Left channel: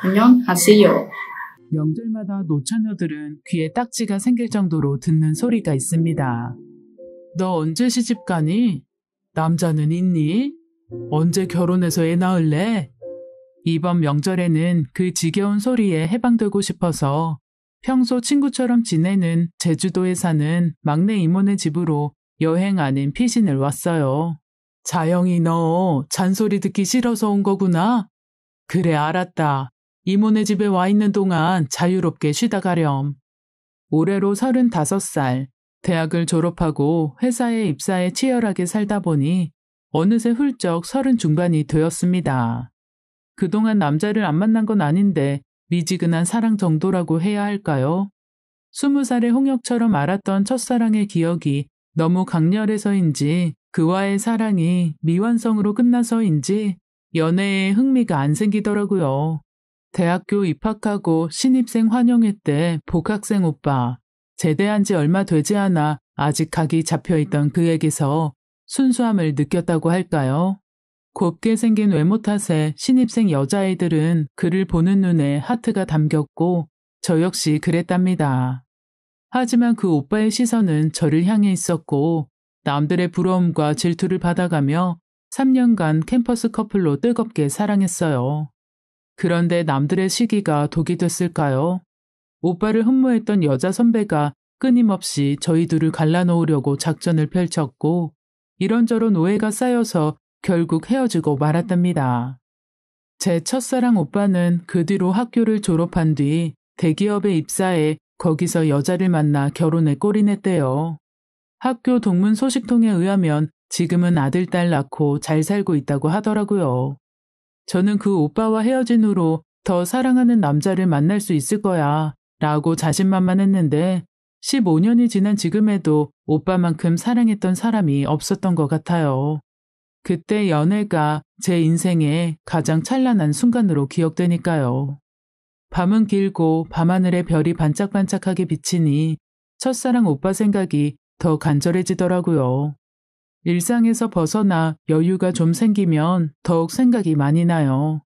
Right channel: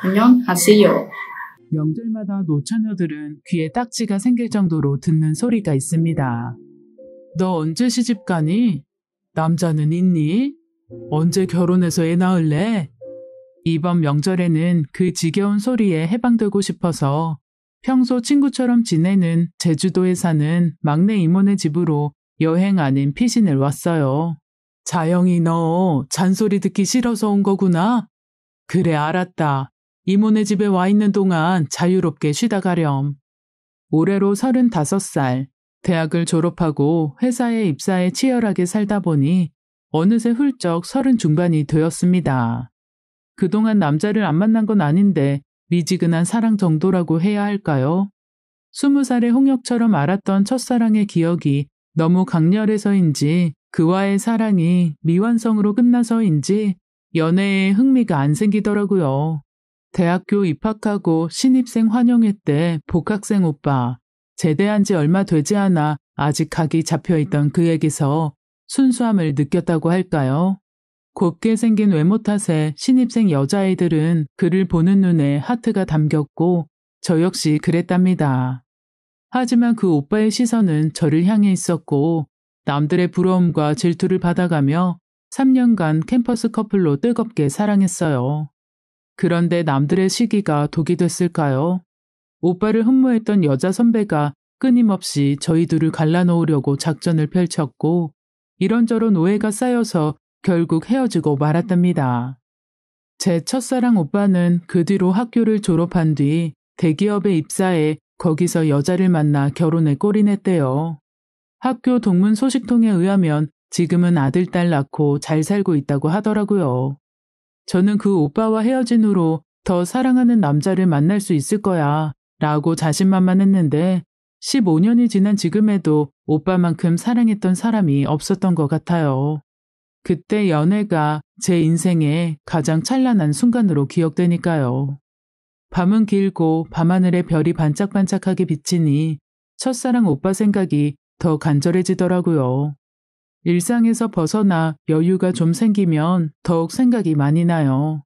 안녕하세요. 명절마다 노처녀들은 귀에 딱지가 생길 정도로 듣는 소리가 있습니다. 너 언제 시집 가니? 남자는 있니? 언제 결혼해서 애 낳을래? 이번 명절에는 그 지겨운 소리에 해방되고 싶어서 평소 친구처럼 지내는 제주도에 사는 막내 이모네 집으로 여행 아닌 피신을 왔어요. 자영이 너 잔소리 듣기 싫어서 온 거구나? 그래 알았다. 이모네 집에 와 있는 동안 자유롭게 쉬다 가렴. 올해로 35살, 대학을 졸업하고 회사에 입사해 치열하게 살다 보니 어느새 훌쩍 30 중반이 되었습니다. 그동안 남자를 안 만난 건 아닌데 미지근한 사랑 정도라고 해야 할까요? 20살의 홍역처럼 알았던 첫사랑의 기억이 너무 강렬해서인지 그와의 사랑이 미완성으로 끝나서인지 연애에 흥미가 안 생기더라고요. 대학교 입학하고 신입생 환영회 때 복학생 오빠, 제대한 지 얼마 되지 않아 아직 각이 잡혀있던 그에게서 순수함을 느꼈다고 할까요? 곱게 생긴 외모 탓에 신입생 여자애들은 그를 보는 눈에 하트가 담겼고 저 역시 그랬답니다. 하지만 그 오빠의 시선은 저를 향해 있었고 남들의 부러움과 질투를 받아가며 3년간 캠퍼스 커플로 뜨겁게 사랑했어요. 그런데 남들의 시기가 독이 됐을까요? 오빠를 흠모했던 여자 선배가 끊임없이 저희 둘을 갈라놓으려고 작전을 펼쳤고 이런저런 오해가 쌓여서 결국 헤어지고 말았답니다. 제 첫사랑 오빠는 그 뒤로 학교를 졸업한 뒤 대기업에 입사해 거기서 여자를 만나 결혼에 골인했대요. 학교 동문 소식통에 의하면 지금은 아들, 딸 낳고 잘 살고 있다고 하더라고요. 저는 그 오빠와 헤어진 후로 더 사랑하는 남자를 만날 수 있을 거야 라고 자신만만했는데 15년이 지난 지금에도 오빠만큼 사랑했던 사람이 없었던 것 같아요. 그때 연애가 제 인생의 가장 찬란한 순간으로 기억되니까요. 밤은 길고 밤하늘에 별이 반짝반짝하게 비치니 첫사랑 오빠 생각이 더 간절해지더라고요. 일상에서 벗어나 여유가 좀 생기면 더욱 생각이 많이 나요.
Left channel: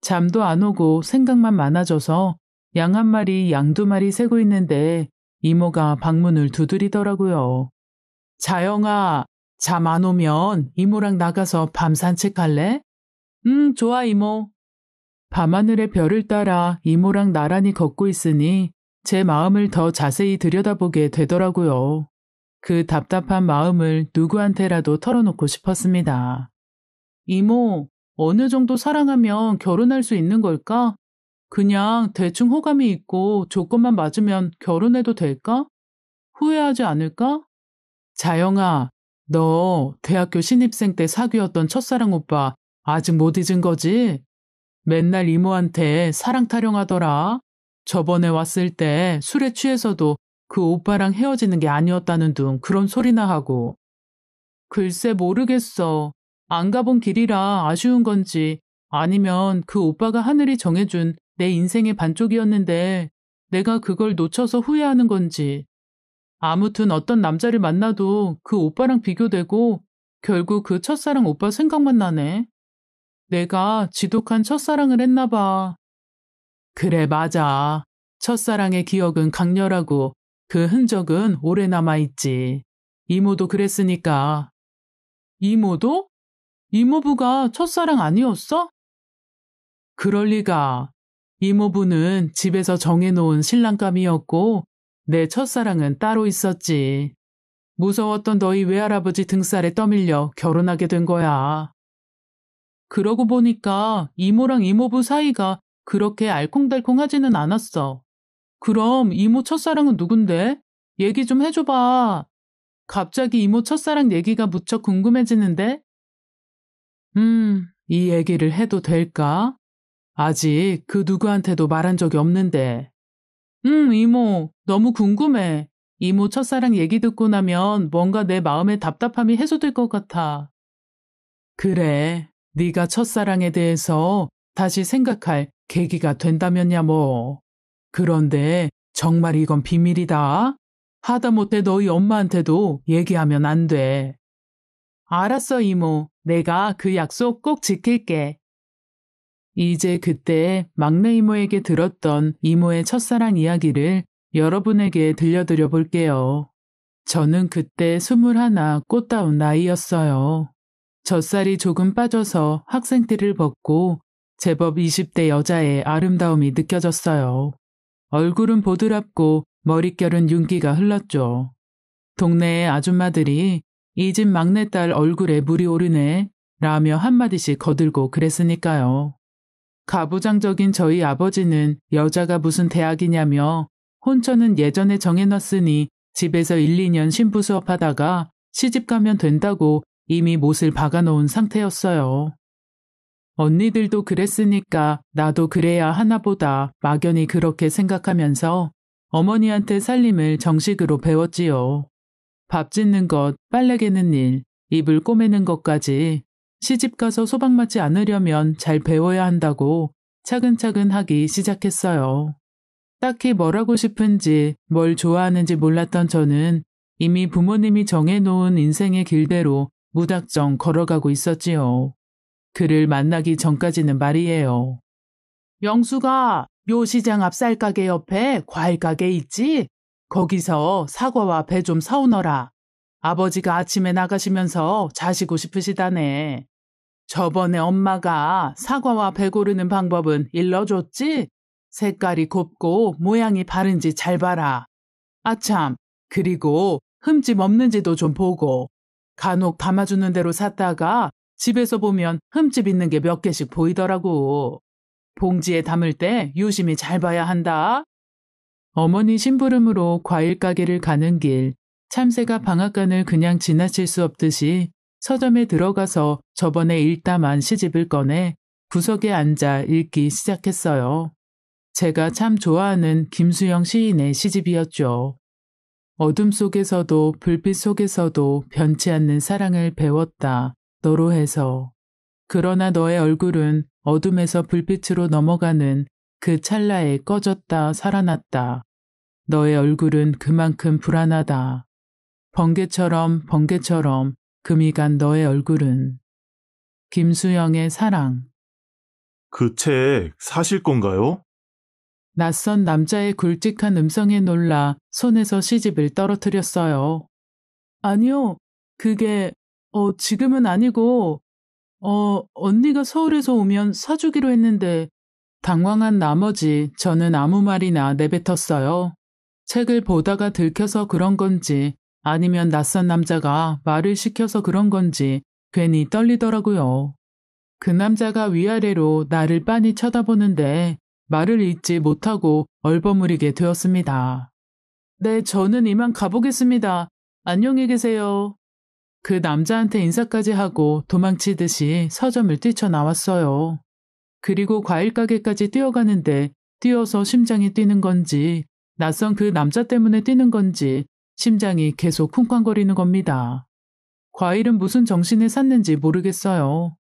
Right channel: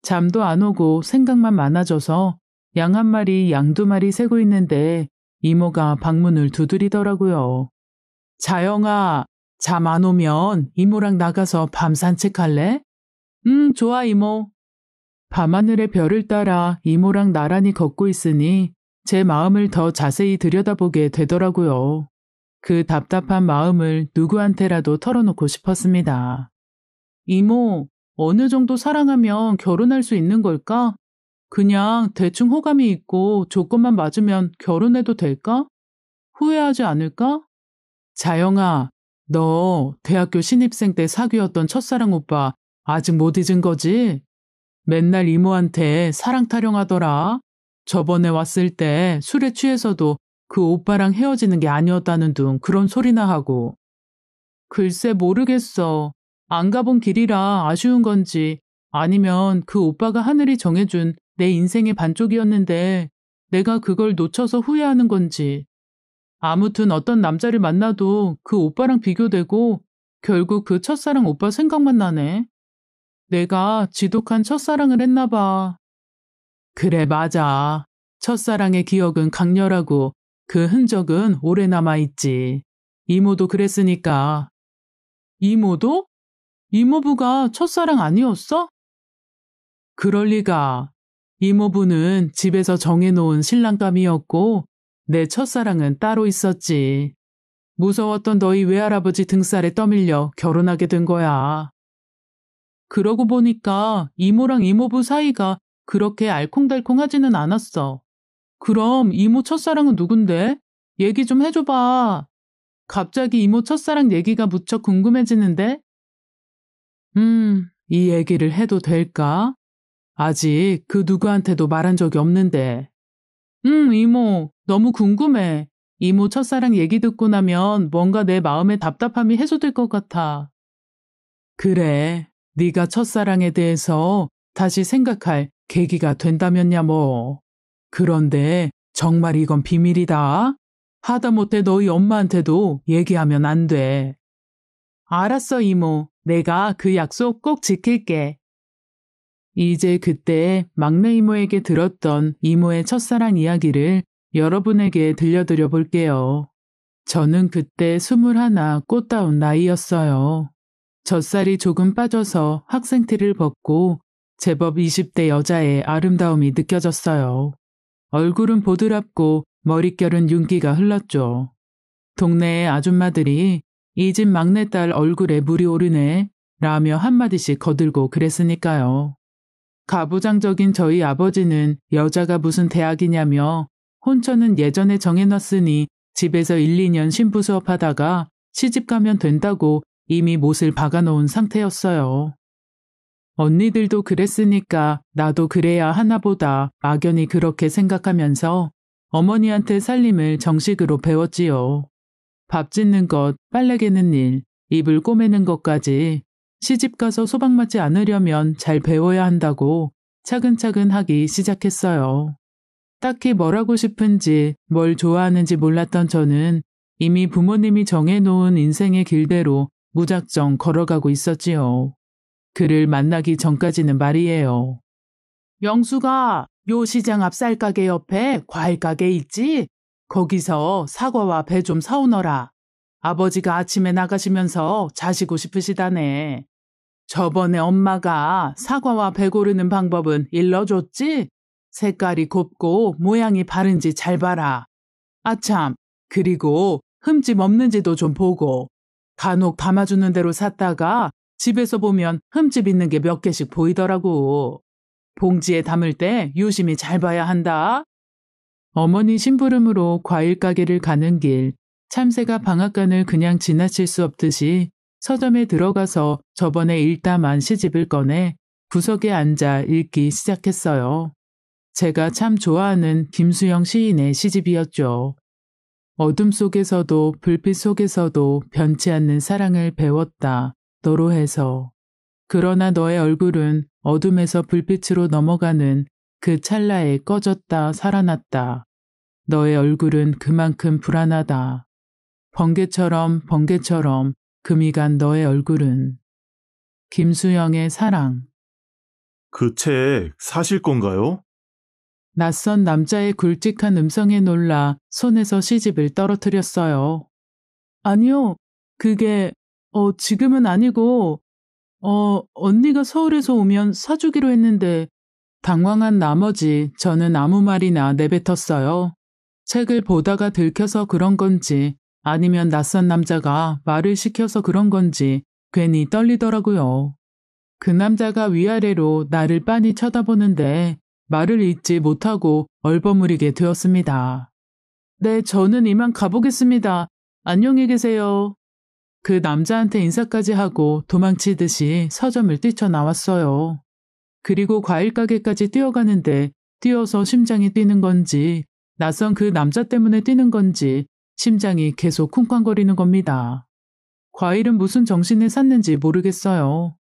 잠도 안 오고 생각만 많아져서 양 한 마리, 양 두 마리 새고 있는데 이모가 방문을 두드리더라고요. 자영아, 잠 안 오면 이모랑 나가서 밤 산책할래? 좋아 이모. 밤하늘의 별을 따라 이모랑 나란히 걷고 있으니 제 마음을 더 자세히 들여다보게 되더라고요. 그 답답한 마음을 누구한테라도 털어놓고 싶었습니다. 이모, 어느 정도 사랑하면 결혼할 수 있는 걸까? 그냥 대충 호감이 있고 조건만 맞으면 결혼해도 될까? 후회하지 않을까? 자영아, 너 대학교 신입생 때 사귀었던 첫사랑 오빠 아직 못 잊은 거지? 맨날 이모한테 사랑 타령하더라. 저번에 왔을 때 술에 취해서도 그 오빠랑 헤어지는 게 아니었다는 둥 그런 소리나 하고. 글쎄 모르겠어. 안 가본 길이라 아쉬운 건지 아니면 그 오빠가 하늘이 정해준 내 인생의 반쪽이었는데 내가 그걸 놓쳐서 후회하는 건지. 아무튼 어떤 남자를 만나도 그 오빠랑 비교되고 결국 그 첫사랑 오빠 생각만 나네. 내가 지독한 첫사랑을 했나 봐. 그래 맞아. 첫사랑의 기억은 강렬하고 그 흔적은 오래 남아있지. 이모도 그랬으니까. 이모도? 이모부가 첫사랑 아니었어? 그럴 리가. 이모부는 집에서 정해놓은 신랑감이었고 내 첫사랑은 따로 있었지. 무서웠던 너희 외할아버지 등살에 떠밀려 결혼하게 된 거야. 그러고 보니까 이모랑 이모부 사이가 그렇게 알콩달콩하지는 않았어. 그럼 이모 첫사랑은 누군데? 얘기 좀 해줘봐. 갑자기 이모 첫사랑 얘기가 무척 궁금해지는데? 이 얘기를 해도 될까? 아직 그 누구한테도 말한 적이 없는데. 이모, 너무 궁금해. 이모 첫사랑 얘기 듣고 나면 뭔가 내 마음의 답답함이 해소될 것 같아. 그래, 네가 첫사랑에 대해서 다시 생각할 계기가 된다면야 뭐. 그런데 정말 이건 비밀이다. 하다못해 너희 엄마한테도 얘기하면 안 돼. 알았어, 이모. 내가 그 약속 꼭 지킬게. 이제 그때 막내 이모에게 들었던 이모의 첫사랑 이야기를 여러분에게 들려드려 볼게요. 저는 그때 21 꽃다운 나이였어요. 젖살이 조금 빠져서 학생티를 벗고 제법 20대 여자의 아름다움이 느껴졌어요. 얼굴은 보드랍고 머릿결은 윤기가 흘렀죠. 동네의 아줌마들이 이 집 막내딸 얼굴에 물이 오르네 라며 한마디씩 거들고 그랬으니까요. 가부장적인 저희 아버지는 여자가 무슨 대학이냐며 혼처는 예전에 정해놨으니 집에서 1, 2년 신부 수업하다가 시집가면 된다고 이미 못을 박아놓은 상태였어요. 언니들도 그랬으니까 나도 그래야 하나보다 막연히 그렇게 생각하면서 어머니한테 살림을 정식으로 배웠지요. 밥 짓는 것, 빨래 개는 일, 이불 꼬매는 것까지 시집가서 소박 맞지 않으려면 잘 배워야 한다고 차근차근 하기 시작했어요. 딱히 뭘 하고 싶은지 뭘 좋아하는지 몰랐던 저는 이미 부모님이 정해놓은 인생의 길대로 무작정 걸어가고 있었지요. 그를 만나기 전까지는 말이에요. 영수가 요 시장 앞 쌀가게 옆에 과일가게 있지? 거기서 사과와 배 좀 사오너라. 아버지가 아침에 나가시면서 자시고 싶으시다네. 저번에 엄마가 사과와 배 고르는 방법은 일러줬지? 색깔이 곱고 모양이 바른지 잘 봐라. 아참, 그리고 흠집 없는지도 좀 보고. 간혹 담아주는 대로 샀다가 집에서 보면 흠집 있는 게 몇 개씩 보이더라고. 봉지에 담을 때 유심히 잘 봐야 한다. 어머니 심부름으로 과일 가게를 가는 길, 참새가 방앗간을 그냥 지나칠 수 없듯이 서점에 들어가서 저번에 읽다만 시집을 꺼내 구석에 앉아 읽기 시작했어요. 제가 참 좋아하는 김수영 시인의 시집이었죠. 어둠 속에서도 불빛 속에서도 변치 않는 사랑을 배웠다. 너로 해서. 그러나 너의 얼굴은 어둠에서 불빛으로 넘어가는 그 찰나에 꺼졌다 살아났다. 너의 얼굴은 그만큼 불안하다. 번개처럼 금이 간 너의 얼굴은. 김수영의 사랑. 그 책 사실 건가요? 낯선 남자의 굵직한 음성에 놀라 손에서 시집을 떨어뜨렸어요. 아니요, 그게 지금은 아니고 언니가 서울에서 오면 사주기로 했는데. 당황한 나머지 저는 아무 말이나 내뱉었어요. 책을 보다가 들켜서 그런 건지 아니면 낯선 남자가 말을 시켜서 그런 건지 괜히 떨리더라고요. 그 남자가 위아래로 나를 빤히 쳐다보는데 말을 잇지 못하고 얼버무리게 되었습니다. 네, 저는 이만 가보겠습니다. 안녕히 계세요. 그 남자한테 인사까지 하고 도망치듯이 서점을 뛰쳐나왔어요. 그리고 과일 가게까지 뛰어가는데 뛰어서 심장이 뛰는 건지 낯선 그 남자 때문에 뛰는 건지 심장이 계속 쿵쾅거리는 겁니다. 과일은 무슨 정신을 샀는지 모르겠어요.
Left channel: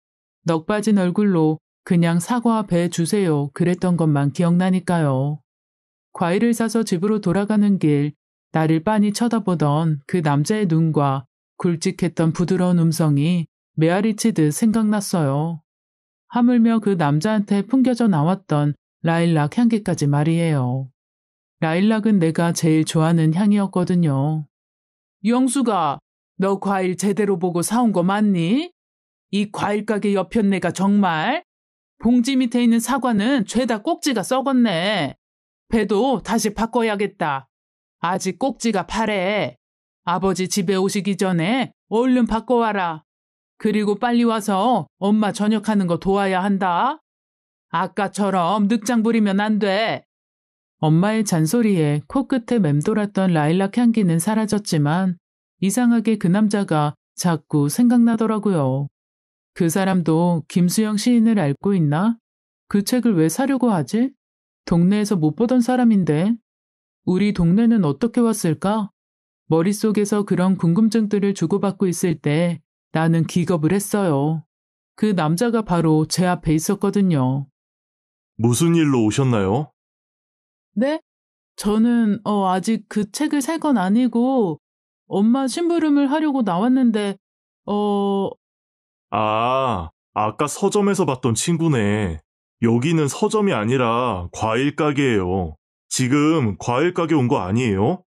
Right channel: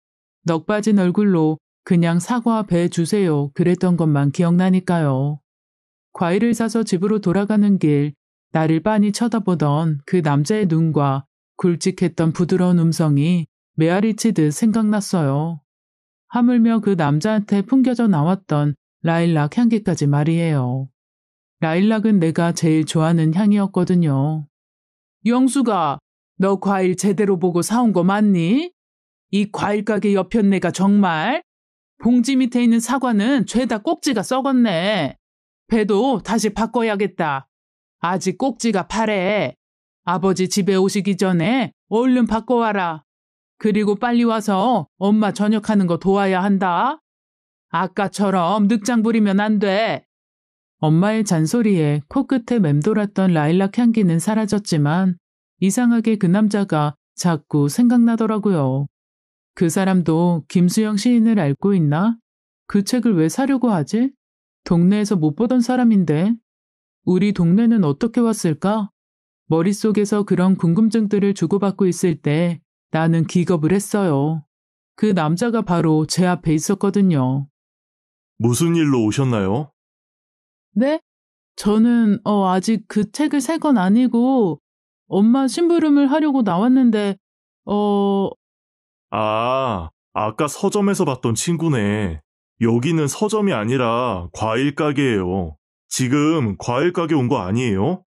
넋 빠진 얼굴로 그냥 사과 배 주세요 그랬던 것만 기억나니까요. 과일을 사서 집으로 돌아가는 길 나를 빤히 쳐다보던 그 남자의 눈과 굵직했던 부드러운 음성이 메아리치듯 생각났어요. 하물며 그 남자한테 풍겨져 나왔던 라일락 향기까지 말이에요. 라일락은 내가 제일 좋아하는 향이었거든요. 영수가, 너 과일 제대로 보고 사온 거 맞니? 이 과일 가게 옆였네가 정말? 봉지 밑에 있는 사과는 죄다 꼭지가 썩었네. 배도 다시 바꿔야겠다. 아직 꼭지가 파래. 아버지 집에 오시기 전에 얼른 바꿔와라. 그리고 빨리 와서 엄마 저녁하는 거 도와야 한다. 아까처럼 늑장 부리면 안 돼. 엄마의 잔소리에 코끝에 맴돌았던 라일락 향기는 사라졌지만 이상하게 그 남자가 자꾸 생각나더라고요. 그 사람도 김수영 시인을 알고 있나? 그 책을 왜 사려고 하지? 동네에서 못 보던 사람인데. 우리 동네는 어떻게 왔을까? 머릿속에서 그런 궁금증들을 주고받고 있을 때 나는 기겁을 했어요. 그 남자가 바로 제 앞에 있었거든요. 무슨 일로 오셨나요? 네? 저는 아직 그 책을 살 건 아니고 엄마 심부름을 하려고 나왔는데 아까 서점에서 봤던 친구네. 여기는 서점이 아니라 과일 가게예요. 지금 과일 가게 온 거 아니에요?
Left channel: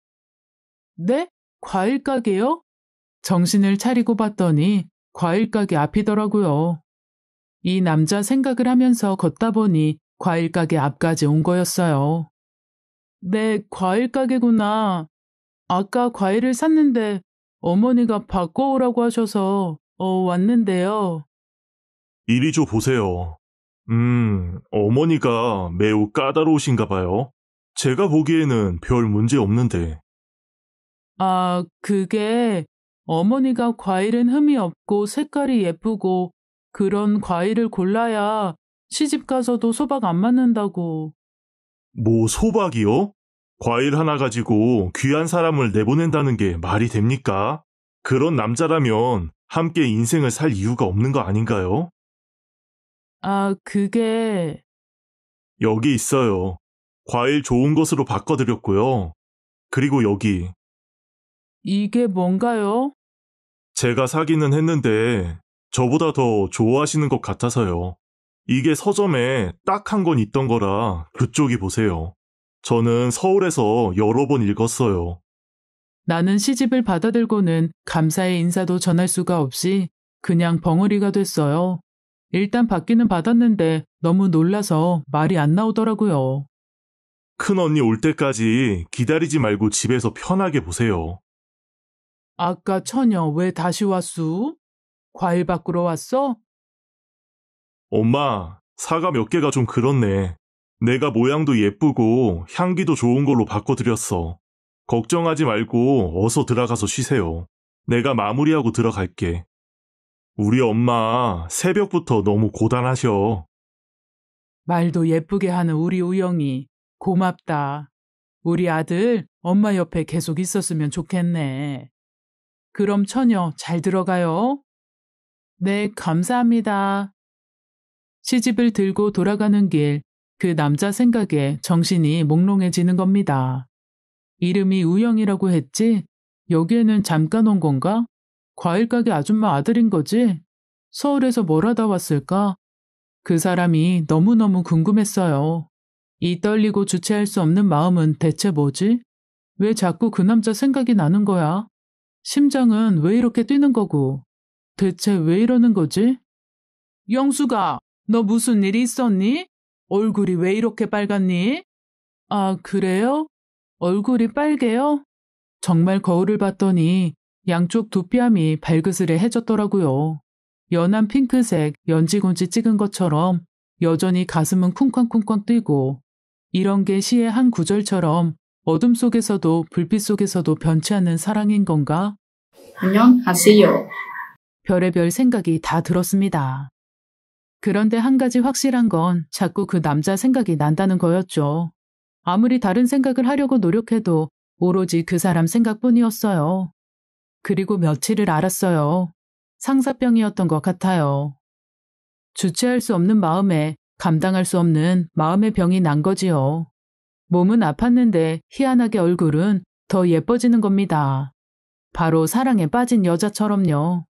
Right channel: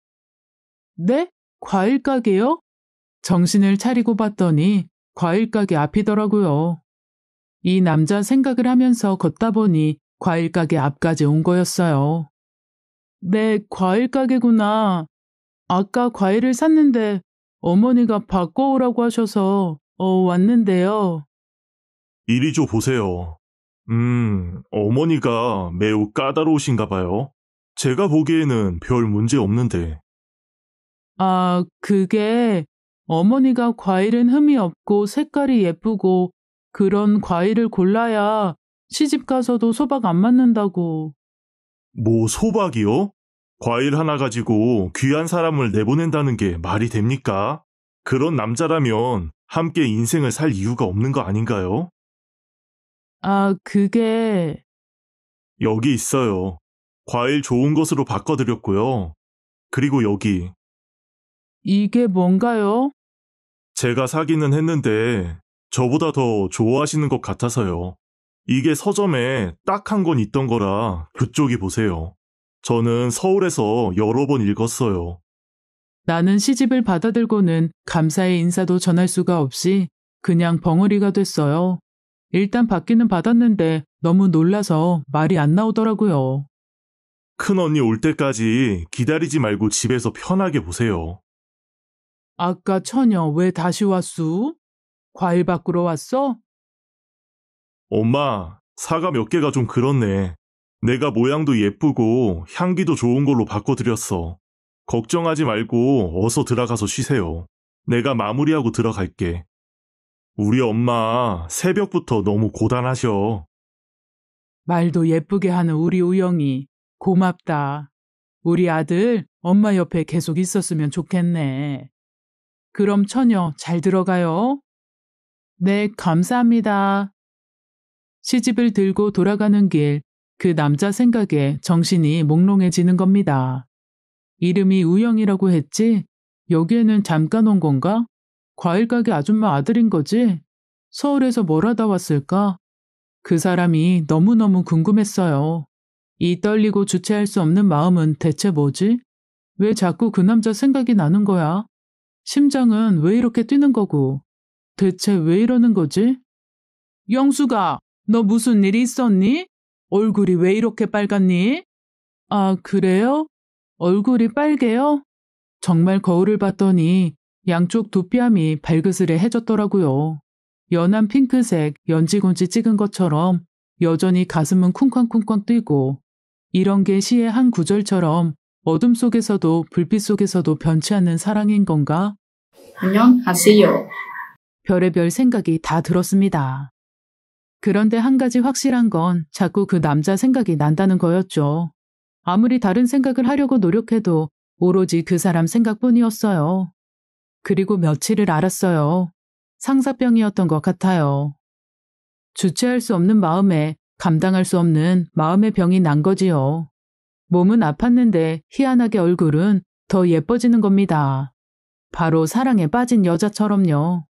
네? 과일 가게요? 정신을 차리고 봤더니 과일 가게 앞이더라고요. 이 남자 생각을 하면서 걷다 보니 과일 가게 앞까지 온 거였어요. 네, 과일 가게구나. 아까 과일을 샀는데 어머니가 바꿔오라고 하셔서 왔는데요. 이리 줘 보세요. 어머니가 매우 까다로우신가 봐요. 제가 보기에는 별 문제 없는데. 아, 그게 어머니가 과일은 흠이 없고 색깔이 예쁘고 그런 과일을 골라야 시집 가서도 소박 안 맞는다고. 뭐 소박이요? 과일 하나 가지고 귀한 사람을 내보낸다는 게 말이 됩니까? 그런 남자라면 함께 인생을 살 이유가 없는 거 아닌가요? 아, 그게 여기 있어요. 과일 좋은 것으로 바꿔드렸고요. 그리고 여기 이게 뭔가요? 제가 사기는 했는데 저보다 더 좋아하시는 것 같아서요. 이게 서점에 딱 한 권 있던 거라 그쪽이 보세요. 저는 서울에서 여러 번 읽었어요. 나는 시집을 받아들고는 감사의 인사도 전할 수가 없이 그냥 벙어리가 됐어요. 일단 받기는 받았는데 너무 놀라서 말이 안 나오더라고요. 큰 언니 올 때까지 기다리지 말고 집에서 편하게 보세요. 아까 처녀 왜 다시 왔수? 과일 밖으로 왔어? 엄마, 사과 몇 개가 좀 그렇네. 내가 모양도 예쁘고 향기도 좋은 걸로 바꿔드렸어. 걱정하지 말고 어서 들어가서 쉬세요. 내가 마무리하고 들어갈게. 우리 엄마 새벽부터 너무 고단하셔. 말도 예쁘게 하는 우리 우영이 고맙다. 우리 아들 엄마 옆에 계속 있었으면 좋겠네. 그럼 처녀 잘 들어가요. 네, 감사합니다. 시집을 들고 돌아가는 길, 그 남자 생각에 정신이 몽롱해지는 겁니다. 이름이 우영이라고 했지? 여기에는 잠깐 온 건가? 과일 가게 아줌마 아들인 거지? 서울에서 뭘 하다 왔을까? 그 사람이 너무너무 궁금했어요. 이 떨리고 주체할 수 없는 마음은 대체 뭐지? 왜 자꾸 그 남자 생각이 나는 거야? 심장은 왜 이렇게 뛰는 거고? 대체 왜 이러는 거지? 영수가, 너 무슨 일이 있었니? 얼굴이 왜 이렇게 빨갛니? 아, 그래요? 얼굴이 빨개요? 정말 거울을 봤더니 양쪽 두 뺨이 발그스레해졌더라고요. 연한 핑크색 연지곤지 찍은 것처럼 여전히 가슴은 쿵쾅쿵쾅 뛰고 이런 게 시의 한 구절처럼 어둠 속에서도 불빛 속에서도 변치 않는 사랑인 건가? 안녕하세요. 별의별 생각이 다 들었습니다. 그런데 한 가지 확실한 건 자꾸 그 남자 생각이 난다는 거였죠. 아무리 다른 생각을 하려고 노력해도 오로지 그 사람 생각뿐이었어요. 그리고 며칠을 알았어요. 상사병이었던 것 같아요. 주체할 수 없는 마음에 감당할 수 없는 마음의 병이 난 거지요. 몸은 아팠는데 희한하게 얼굴은 더 예뻐지는 겁니다. 바로 사랑에 빠진 여자처럼요.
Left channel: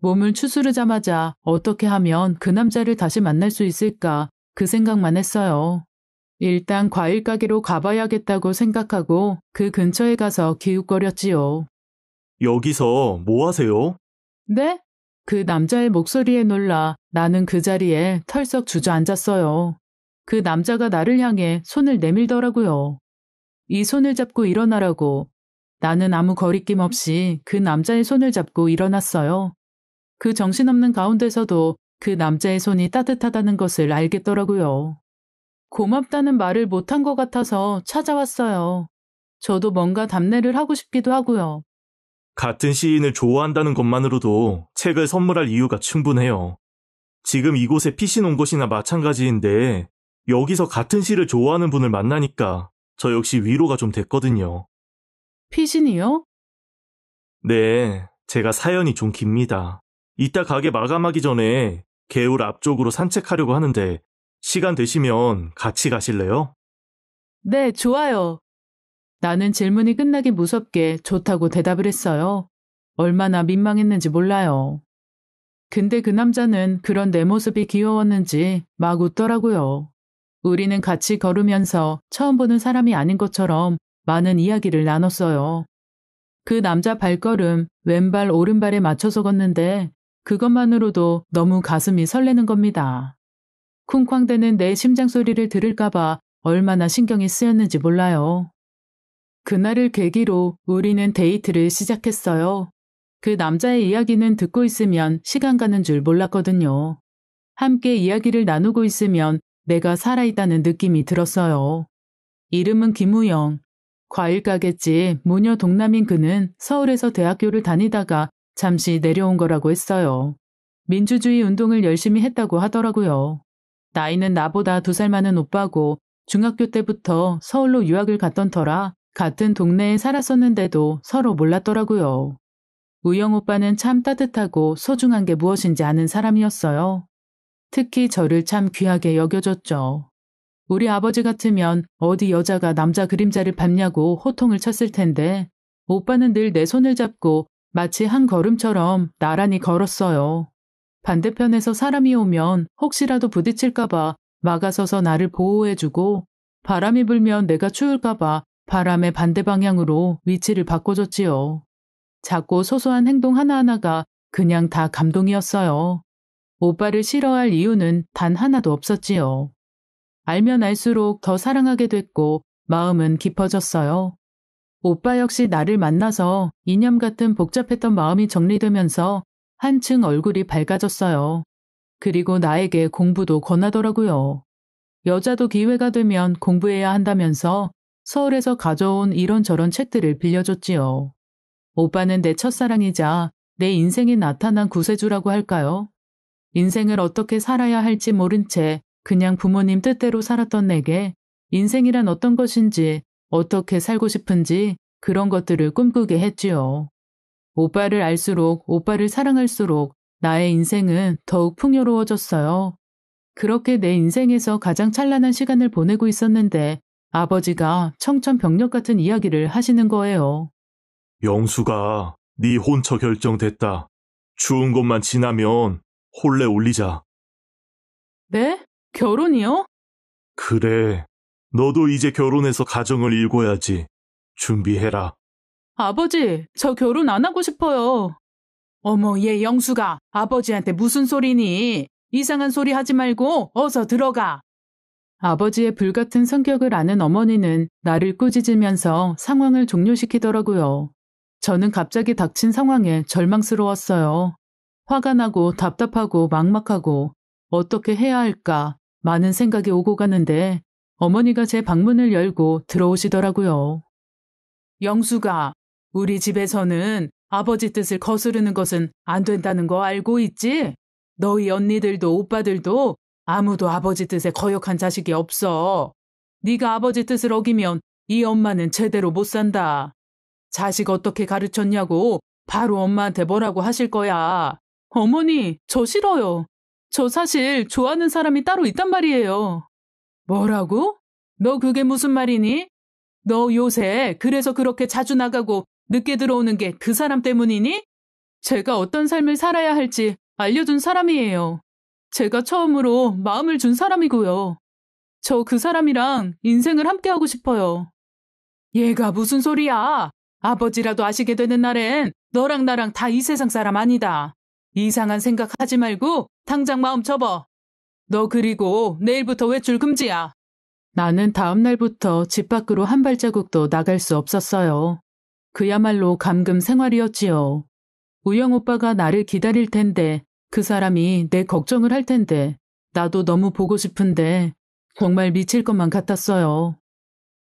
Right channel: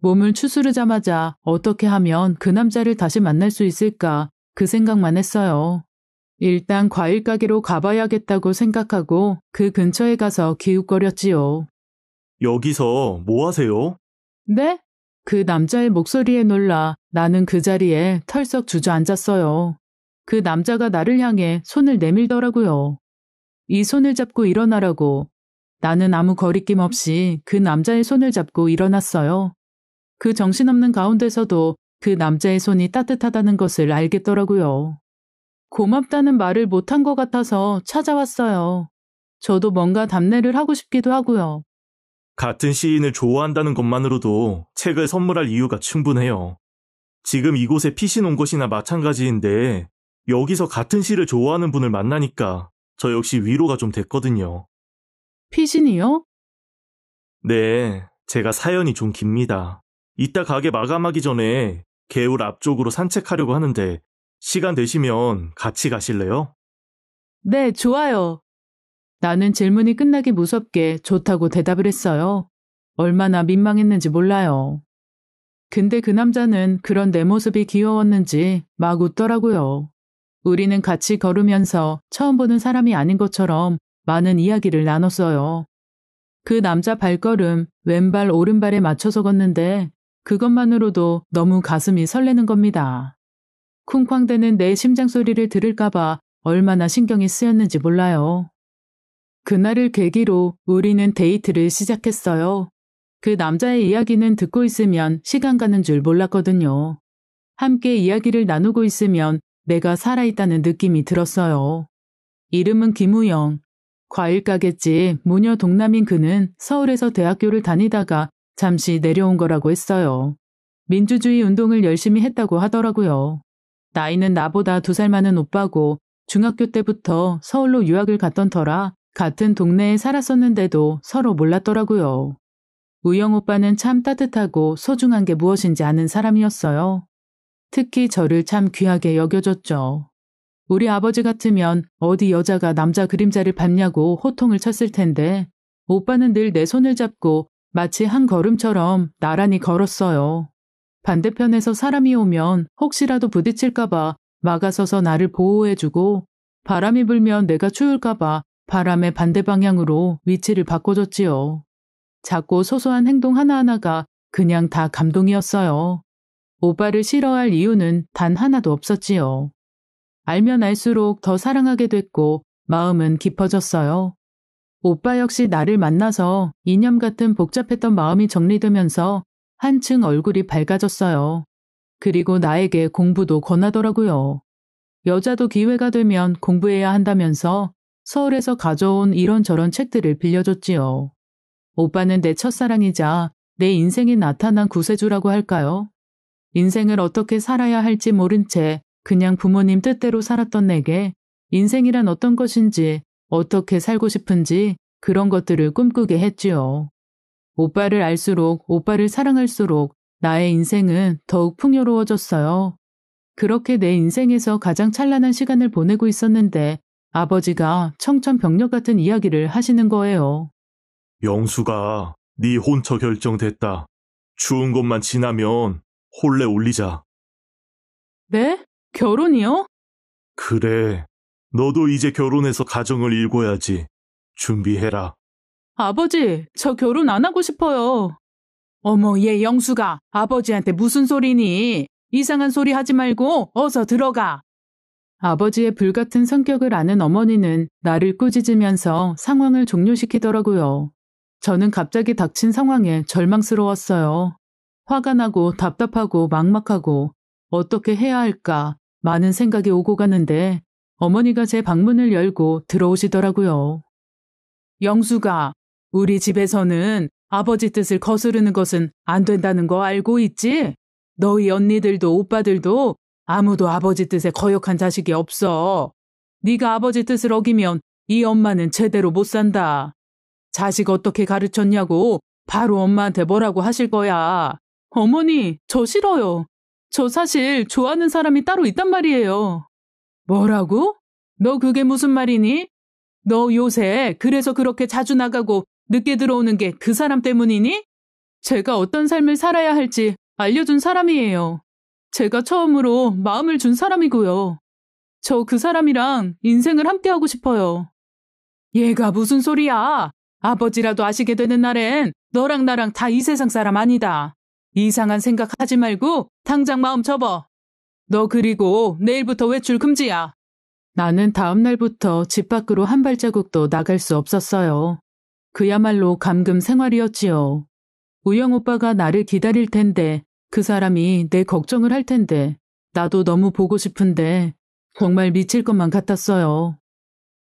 몸을 추스르자마자 어떻게 하면 그 남자를 다시 만날 수 있을까 그 생각만 했어요. 일단 과일 가게로 가봐야겠다고 생각하고 그 근처에 가서 기웃거렸지요. 여기서 뭐 하세요? 네? 그 남자의 목소리에 놀라 나는 그 자리에 털썩 주저앉았어요. 그 남자가 나를 향해 손을 내밀더라고요. 이 손을 잡고 일어나라고. 나는 아무 거리낌 없이 그 남자의 손을 잡고 일어났어요. 그 정신없는 가운데서도 그 남자의 손이 따뜻하다는 것을 알겠더라고요. 고맙다는 말을 못한 것 같아서 찾아왔어요. 저도 뭔가 답례를 하고 싶기도 하고요. 같은 시인을 좋아한다는 것만으로도 책을 선물할 이유가 충분해요. 지금 이곳에 피신 온 것이나 마찬가지인데 여기서 같은 시를 좋아하는 분을 만나니까 저 역시 위로가 좀 됐거든요. 피신이요? 네, 제가 사연이 좀 깁니다. 이따 가게 마감하기 전에 개울 앞쪽으로 산책하려고 하는데 시간 되시면 같이 가실래요? 네, 좋아요. 나는 질문이 끝나기 무섭게 좋다고 대답을 했어요. 얼마나 민망했는지 몰라요. 근데 그 남자는 그런 내 모습이 귀여웠는지 막 웃더라고요. 우리는 같이 걸으면서 처음 보는 사람이 아닌 것처럼 많은 이야기를 나눴어요. 그 남자 발걸음, 왼발 오른발에 맞춰서 걷는데 그것만으로도 너무 가슴이 설레는 겁니다. 쿵쾅대는 내 심장 소리를 들을까봐 얼마나 신경이 쓰였는지 몰라요. 그날을 계기로 우리는 데이트를 시작했어요. 그 남자의 이야기는 듣고 있으면 시간 가는 줄 몰랐거든요. 함께 이야기를 나누고 있으면 내가 살아있다는 느낌이 들었어요. 이름은 김우영. 과일가게집 모녀 동남인 그는 서울에서 대학교를 다니다가 잠시 내려온 거라고 했어요. 민주주의 운동을 열심히 했다고 하더라고요. 나이는 나보다 2살 많은 오빠고 중학교 때부터 서울로 유학을 갔던 터라 같은 동네에 살았었는데도 서로 몰랐더라고요. 우영 오빠는 참 따뜻하고 소중한 게 무엇인지 아는 사람이었어요. 특히 저를 참 귀하게 여겨줬죠. 우리 아버지 같으면 어디 여자가 남자 그림자를 밟냐고 호통을 쳤을 텐데 오빠는 늘 내 손을 잡고 마치 한 걸음처럼 나란히 걸었어요. 반대편에서 사람이 오면 혹시라도 부딪힐까봐 막아서서 나를 보호해주고 바람이 불면 내가 추울까봐 바람의 반대 방향으로 위치를 바꿔줬지요. 작고 소소한 행동 하나하나가 그냥 다 감동이었어요. 오빠를 싫어할 이유는 단 하나도 없었지요. 알면 알수록 더 사랑하게 됐고 마음은 깊어졌어요. 오빠 역시 나를 만나서 이념 같은 복잡했던 마음이 정리되면서 한층 얼굴이 밝아졌어요. 그리고 나에게 공부도 권하더라고요. 여자도 기회가 되면 공부해야 한다면서 서울에서 가져온 이런저런 책들을 빌려줬지요. 오빠는 내 첫사랑이자 내 인생에 나타난 구세주라고 할까요? 인생을 어떻게 살아야 할지 모른 채 그냥 부모님 뜻대로 살았던 내게 인생이란 어떤 것인지 어떻게 살고 싶은지 그런 것들을 꿈꾸게 했지요. 오빠를 알수록 오빠를 사랑할수록 나의 인생은 더욱 풍요로워졌어요. 그렇게 내 인생에서 가장 찬란한 시간을 보내고 있었는데 아버지가 청천벽력 같은 이야기를 하시는 거예요. 영수가 네 혼처 결정됐다. 추운 것만 지나면 혼례 올리자. 네? 결혼이요? 그래. 너도 이제 결혼해서 가정을 일궈야지. 준비해라. 아버지, 저 결혼 안 하고 싶어요. 어머, 얘 영수가 아버지한테 무슨 소리니? 이상한 소리 하지 말고 어서 들어가. 아버지의 불같은 성격을 아는 어머니는 나를 꾸짖으면서 상황을 종료시키더라고요. 저는 갑자기 닥친 상황에 절망스러웠어요. 화가 나고 답답하고 막막하고 어떻게 해야 할까 많은 생각이 오고 가는데 어머니가 제 방문을 열고 들어오시더라고요. 영수가, 우리 집에서는 아버지 뜻을 거스르는 것은 안 된다는 거 알고 있지? 너희 언니들도 오빠들도 아무도 아버지 뜻에 거역한 자식이 없어. 네가 아버지 뜻을 어기면 이 엄마는 제대로 못 산다. 자식 어떻게 가르쳤냐고 바로 엄마한테 뭐라고 하실 거야. 어머니, 저 싫어요. 저 사실 좋아하는 사람이 따로 있단 말이에요. 뭐라고? 너 그게 무슨 말이니? 너 요새 그래서 그렇게 자주 나가고 늦게 들어오는 게 그 사람 때문이니? 제가 어떤 삶을 살아야 할지 알려준 사람이에요. 제가 처음으로 마음을 준 사람이고요. 저 그 사람이랑 인생을 함께하고 싶어요. 얘가 무슨 소리야? 아버지라도 아시게 되는 날엔 너랑 나랑 다 이 세상 사람 아니다. 이상한 생각하지 말고 당장 마음 접어. 너 그리고 내일부터 외출 금지야. 나는 다음 날부터 집 밖으로 한 발자국도 나갈 수 없었어요. 그야말로 감금 생활이었지요. 우영 오빠가 나를 기다릴 텐데 그 사람이 내 걱정을 할 텐데 나도 너무 보고 싶은데 정말 미칠 것만 같았어요.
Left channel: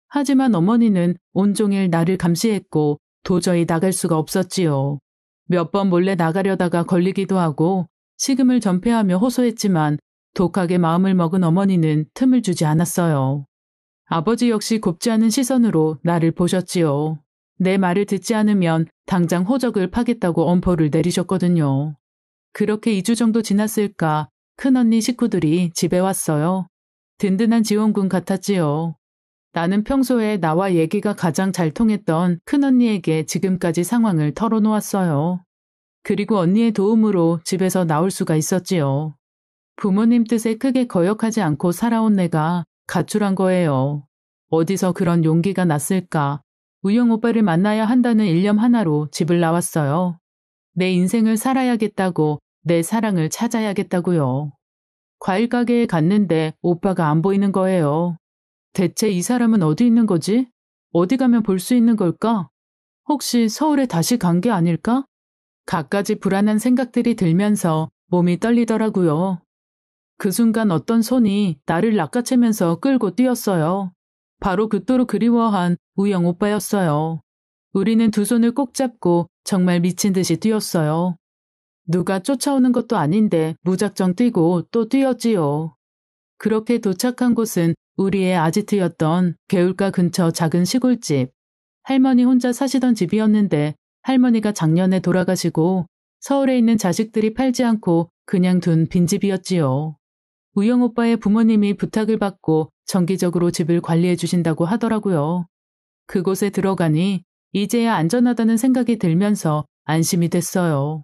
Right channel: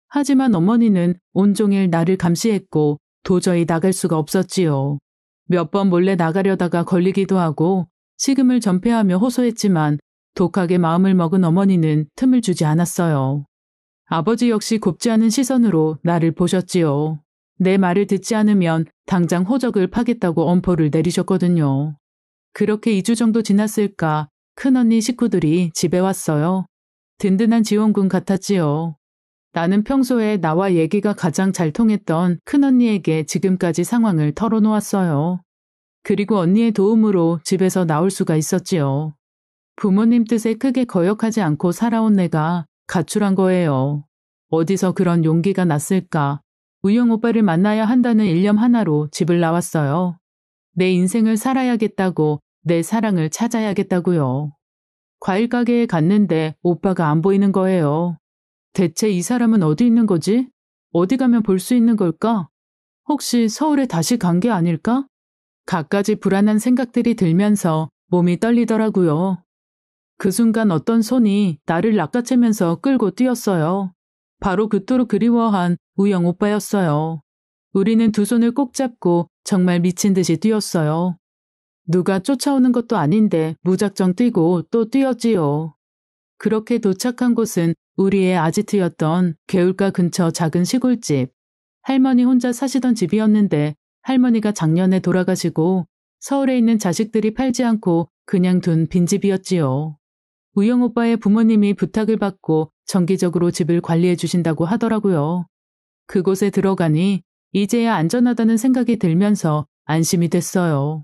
하지만 어머니는 온종일 나를 감시했고 도저히 나갈 수가 없었지요. 몇 번 몰래 나가려다가 걸리기도 하고 식음을 전폐하며 호소했지만 독하게 마음을 먹은 어머니는 틈을 주지 않았어요. 아버지 역시 곱지 않은 시선으로 나를 보셨지요. 내 말을 듣지 않으면 당장 호적을 파겠다고 엄포를 내리셨거든요. 그렇게 2주 정도 지났을까 큰언니 식구들이 집에 왔어요. 든든한 지원군 같았지요. 나는 평소에 나와 얘기가 가장 잘 통했던 큰언니에게 지금까지 상황을 털어놓았어요. 그리고 언니의 도움으로 집에서 나올 수가 있었지요. 부모님 뜻에 크게 거역하지 않고 살아온 내가 가출한 거예요. 어디서 그런 용기가 났을까? 우영 오빠를 만나야 한다는 일념 하나로 집을 나왔어요. 내 인생을 살아야겠다고, 내 사랑을 찾아야겠다고요. 과일 가게에 갔는데 오빠가 안 보이는 거예요. 대체 이 사람은 어디 있는 거지? 어디 가면 볼 수 있는 걸까? 혹시 서울에 다시 간 게 아닐까? 갖가지 불안한 생각들이 들면서 몸이 떨리더라고요. 그 순간 어떤 손이 나를 낚아채면서 끌고 뛰었어요. 바로 그토록 그리워한 우영 오빠였어요. 우리는 두 손을 꼭 잡고 정말 미친 듯이 뛰었어요. 누가 쫓아오는 것도 아닌데 무작정 뛰고 또 뛰었지요. 그렇게 도착한 곳은 우리의 아지트였던 개울가 근처 작은 시골집. 할머니 혼자 사시던 집이었는데 할머니가 작년에 돌아가시고 서울에 있는 자식들이 팔지 않고 그냥 둔 빈집이었지요. 우영 오빠의 부모님이 부탁을 받고 정기적으로 집을 관리해 주신다고 하더라고요. 그곳에 들어가니 이제야 안전하다는 생각이 들면서 안심이 됐어요.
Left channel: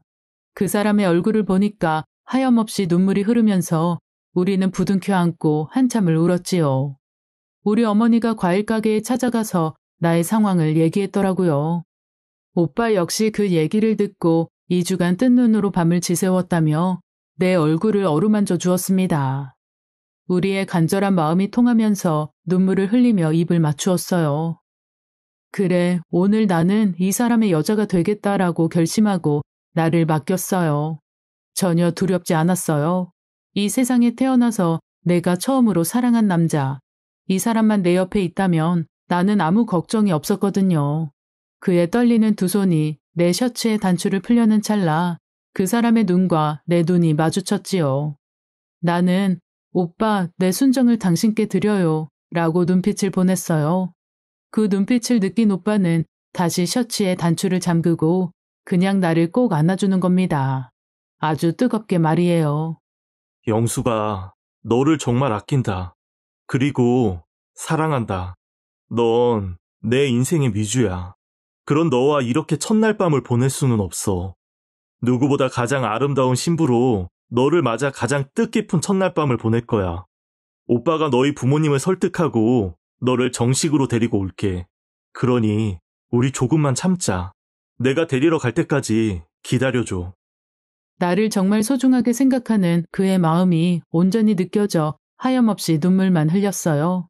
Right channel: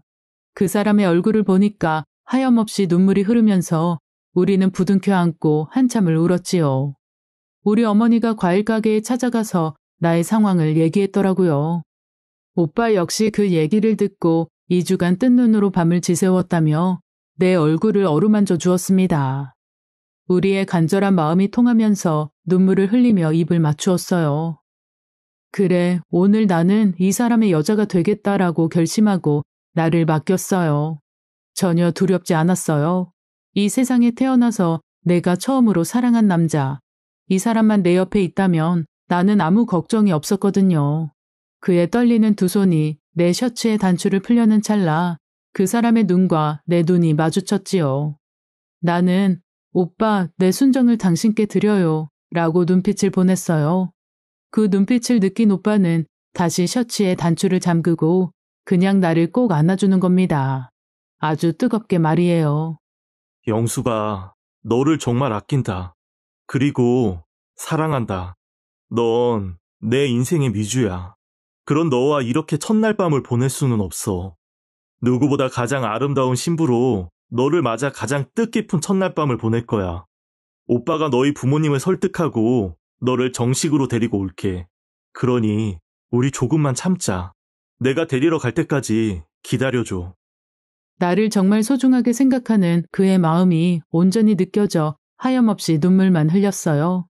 그 사람의 얼굴을 보니까 하염없이 눈물이 흐르면서 우리는 부둥켜 안고 한참을 울었지요. 우리 어머니가 과일 가게에 찾아가서 나의 상황을 얘기했더라고요. 오빠 역시 그 얘기를 듣고 2주간 뜬 눈으로 밤을 지새웠다며 내 얼굴을 어루만져 주었습니다. 우리의 간절한 마음이 통하면서 눈물을 흘리며 입을 맞추었어요. 그래, 오늘 나는 이 사람의 여자가 되겠다라고 결심하고 나를 맡겼어요. 전혀 두렵지 않았어요. 이 세상에 태어나서 내가 처음으로 사랑한 남자. 이 사람만 내 옆에 있다면 나는 아무 걱정이 없었거든요. 그의 떨리는 두 손이 내 셔츠의 단추를 풀려는 찰나 그 사람의 눈과 내 눈이 마주쳤지요. 나는 오빠, 내 순정을 당신께 드려요 라고 눈빛을 보냈어요. 그 눈빛을 느낀 오빠는 다시 셔츠에 단추를 잠그고 그냥 나를 꼭 안아주는 겁니다. 아주 뜨겁게 말이에요. 영수가 너를 정말 아낀다. 그리고 사랑한다. 넌 내 인생의 미주야. 그런 너와 이렇게 첫날 밤을 보낼 수는 없어. 누구보다 가장 아름다운 신부로 너를 맞아 가장 뜻깊은 첫날 밤을 보낼 거야. 오빠가 너희 부모님을 설득하고 너를 정식으로 데리고 올게. 그러니 우리 조금만 참자. 내가 데리러 갈 때까지 기다려줘. 나를 정말 소중하게 생각하는 그의 마음이 온전히 느껴져 하염없이 눈물만 흘렸어요.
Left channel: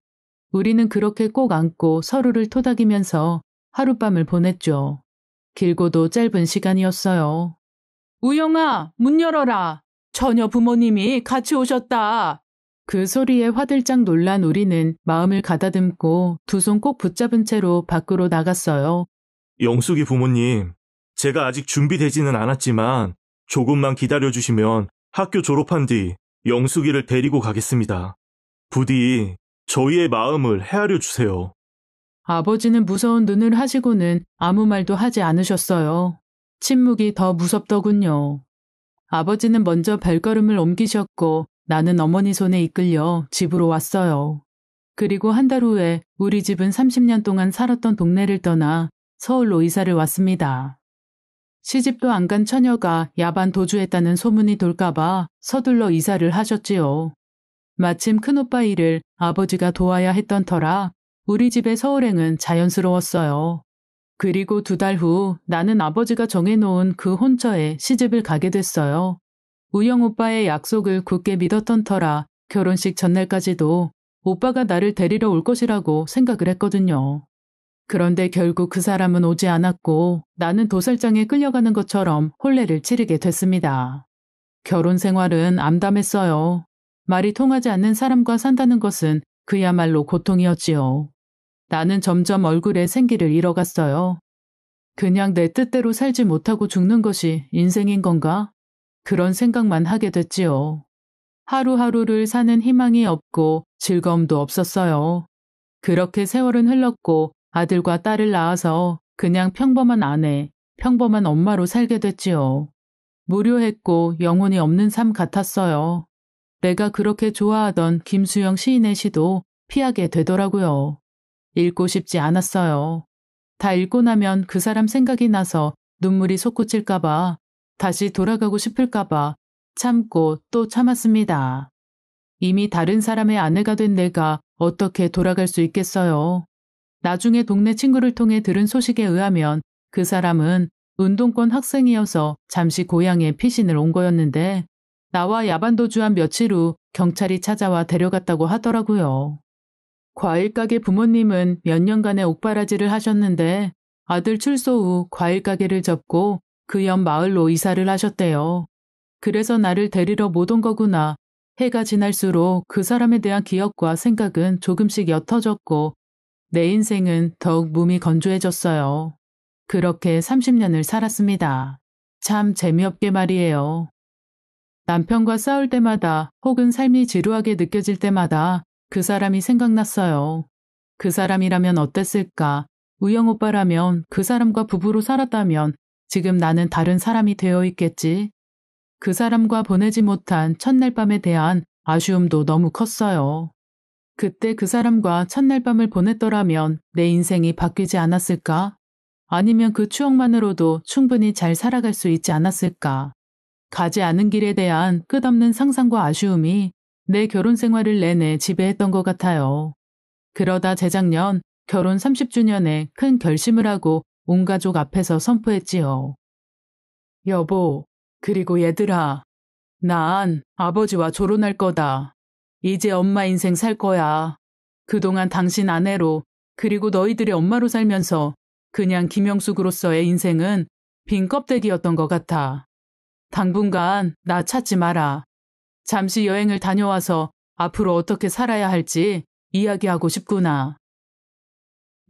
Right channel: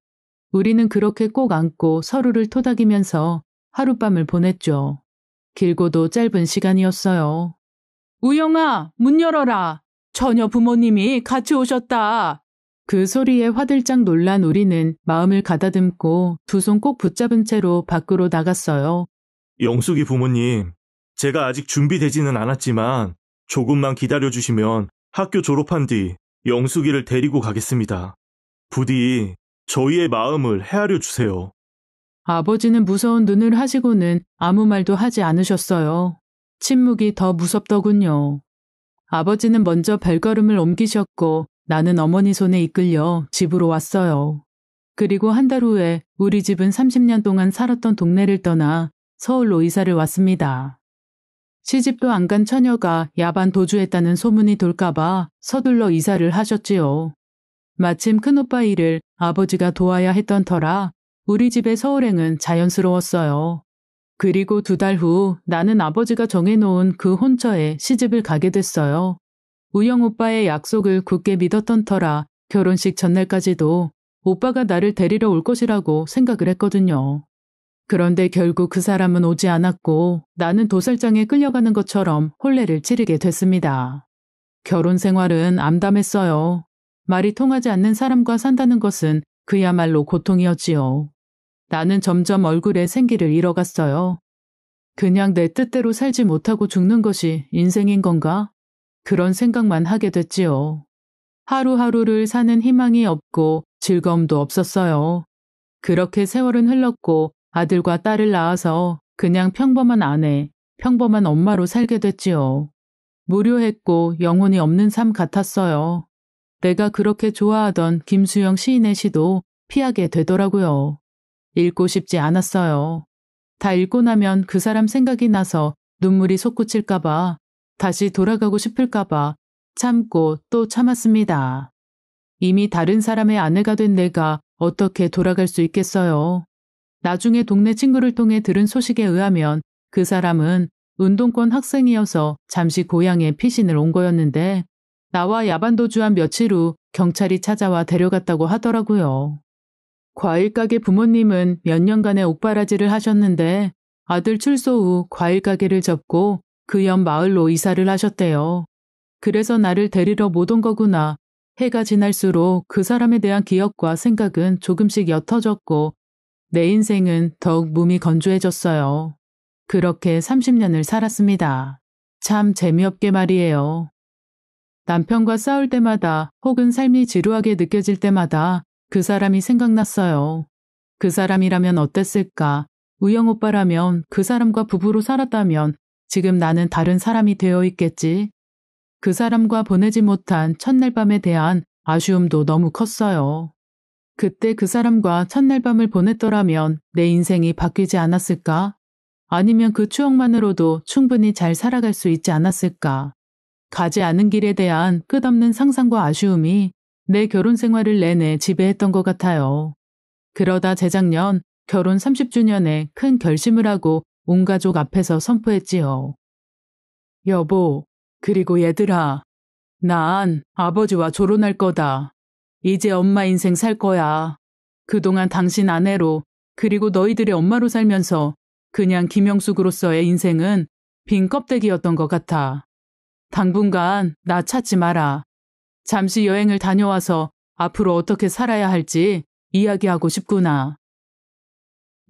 우리는 그렇게 꼭 안고 서로를 토닥이면서 하룻밤을 보냈죠. 길고도 짧은 시간이었어요. 우영아, 문 열어라. 처녀 부모님이 같이 오셨다. 그 소리에 화들짝 놀란 우리는 마음을 가다듬고 두 손 꼭 붙잡은 채로 밖으로 나갔어요. 영숙이 부모님, 제가 아직 준비되지는 않았지만 조금만 기다려주시면 학교 졸업한 뒤 영숙이를 데리고 가겠습니다. 부디 저희의 마음을 헤아려 주세요. 아버지는 무서운 눈을 하시고는 아무 말도 하지 않으셨어요. 침묵이 더 무섭더군요. 아버지는 먼저 발걸음을 옮기셨고 나는 어머니 손에 이끌려 집으로 왔어요. 그리고 한 달 후에 우리 집은 30년 동안 살았던 동네를 떠나 서울로 이사를 왔습니다. 시집도 안 간 처녀가 야반 도주했다는 소문이 돌까봐 서둘러 이사를 하셨지요. 마침 큰오빠 일을 아버지가 도와야 했던 터라 우리 집의 서울행은 자연스러웠어요. 그리고 2달 후 나는 아버지가 정해놓은 그 혼처에 시집을 가게 됐어요. 우영 오빠의 약속을 굳게 믿었던 터라 결혼식 전날까지도 오빠가 나를 데리러 올 것이라고 생각을 했거든요. 그런데 결국 그 사람은 오지 않았고 나는 도살장에 끌려가는 것처럼 혼례를 치르게 됐습니다. 결혼 생활은 암담했어요. 말이 통하지 않는 사람과 산다는 것은 그야말로 고통이었지요. 나는 점점 얼굴에 생기를 잃어갔어요. 그냥 내 뜻대로 살지 못하고 죽는 것이 인생인 건가? 그런 생각만 하게 됐지요. 하루하루를 사는 희망이 없고 즐거움도 없었어요. 그렇게 세월은 흘렀고 아들과 딸을 낳아서 그냥 평범한 아내, 평범한 엄마로 살게 됐지요. 무료했고 영혼이 없는 삶 같았어요. 내가 그렇게 좋아하던 김수영 시인의 시도 피하게 되더라고요. 읽고 싶지 않았어요. 다 읽고 나면 그 사람 생각이 나서 눈물이 솟구칠까봐 다시 돌아가고 싶을까봐 참고 또 참았습니다. 이미 다른 사람의 아내가 된 내가 어떻게 돌아갈 수 있겠어요. 나중에 동네 친구를 통해 들은 소식에 의하면 그 사람은 운동권 학생이어서 잠시 고향에 피신을 온 거였는데 나와 야반도주한 며칠 후 경찰이 찾아와 데려갔다고 하더라고요. 과일 가게 부모님은 몇 년간의 옥바라지를 하셨는데 아들 출소 후 과일 가게를 접고 그 옆 마을로 이사를 하셨대요. 그래서 나를 데리러 못 온 거구나. 해가 지날수록 그 사람에 대한 기억과 생각은 조금씩 옅어졌고 내 인생은 더욱 몸이 건조해졌어요. 그렇게 30년을 살았습니다. 참 재미없게 말이에요. 남편과 싸울 때마다 혹은 삶이 지루하게 느껴질 때마다 그 사람이 생각났어요. 그 사람이라면 어땠을까? 우영 오빠라면 그 사람과 부부로 살았다면 지금 나는 다른 사람이 되어 있겠지. 그 사람과 보내지 못한 첫날 밤에 대한 아쉬움도 너무 컸어요. 그때 그 사람과 첫날 밤을 보냈더라면 내 인생이 바뀌지 않았을까? 아니면 그 추억만으로도 충분히 잘 살아갈 수 있지 않았을까? 가지 않은 길에 대한 끝없는 상상과 아쉬움이 내 결혼 생활을 내내 지배했던 것 같아요. 그러다 재작년 결혼 30주년에 큰 결심을 하고 온 가족 앞에서 선포했지요. 여보, 그리고 얘들아, 난 아버지와 결혼할 거다. 이제 엄마 인생 살 거야. 그동안 당신 아내로 그리고 너희들의 엄마로 살면서 그냥 김영숙으로서의 인생은 빈 껍데기였던 것 같아. 당분간 나 찾지 마라. 잠시 여행을 다녀와서 앞으로 어떻게 살아야 할지 이야기하고 싶구나.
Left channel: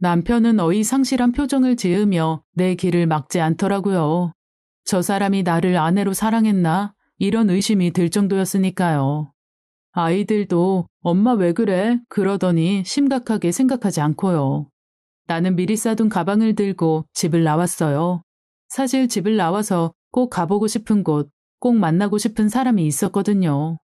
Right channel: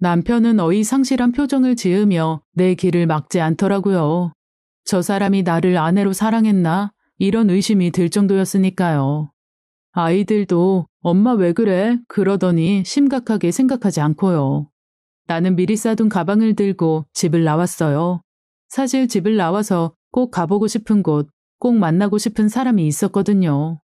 남편은 어이상실한 표정을 지으며 내 길을 막지 않더라고요. 저 사람이 나를 아내로 사랑했나? 이런 의심이 들 정도였으니까요. 아이들도 엄마 왜 그래? 그러더니 심각하게 생각하지 않고요. 나는 미리 싸둔 가방을 들고 집을 나왔어요. 사실 집을 나와서 꼭 가보고 싶은 곳, 꼭 만나고 싶은 사람이 있었거든요.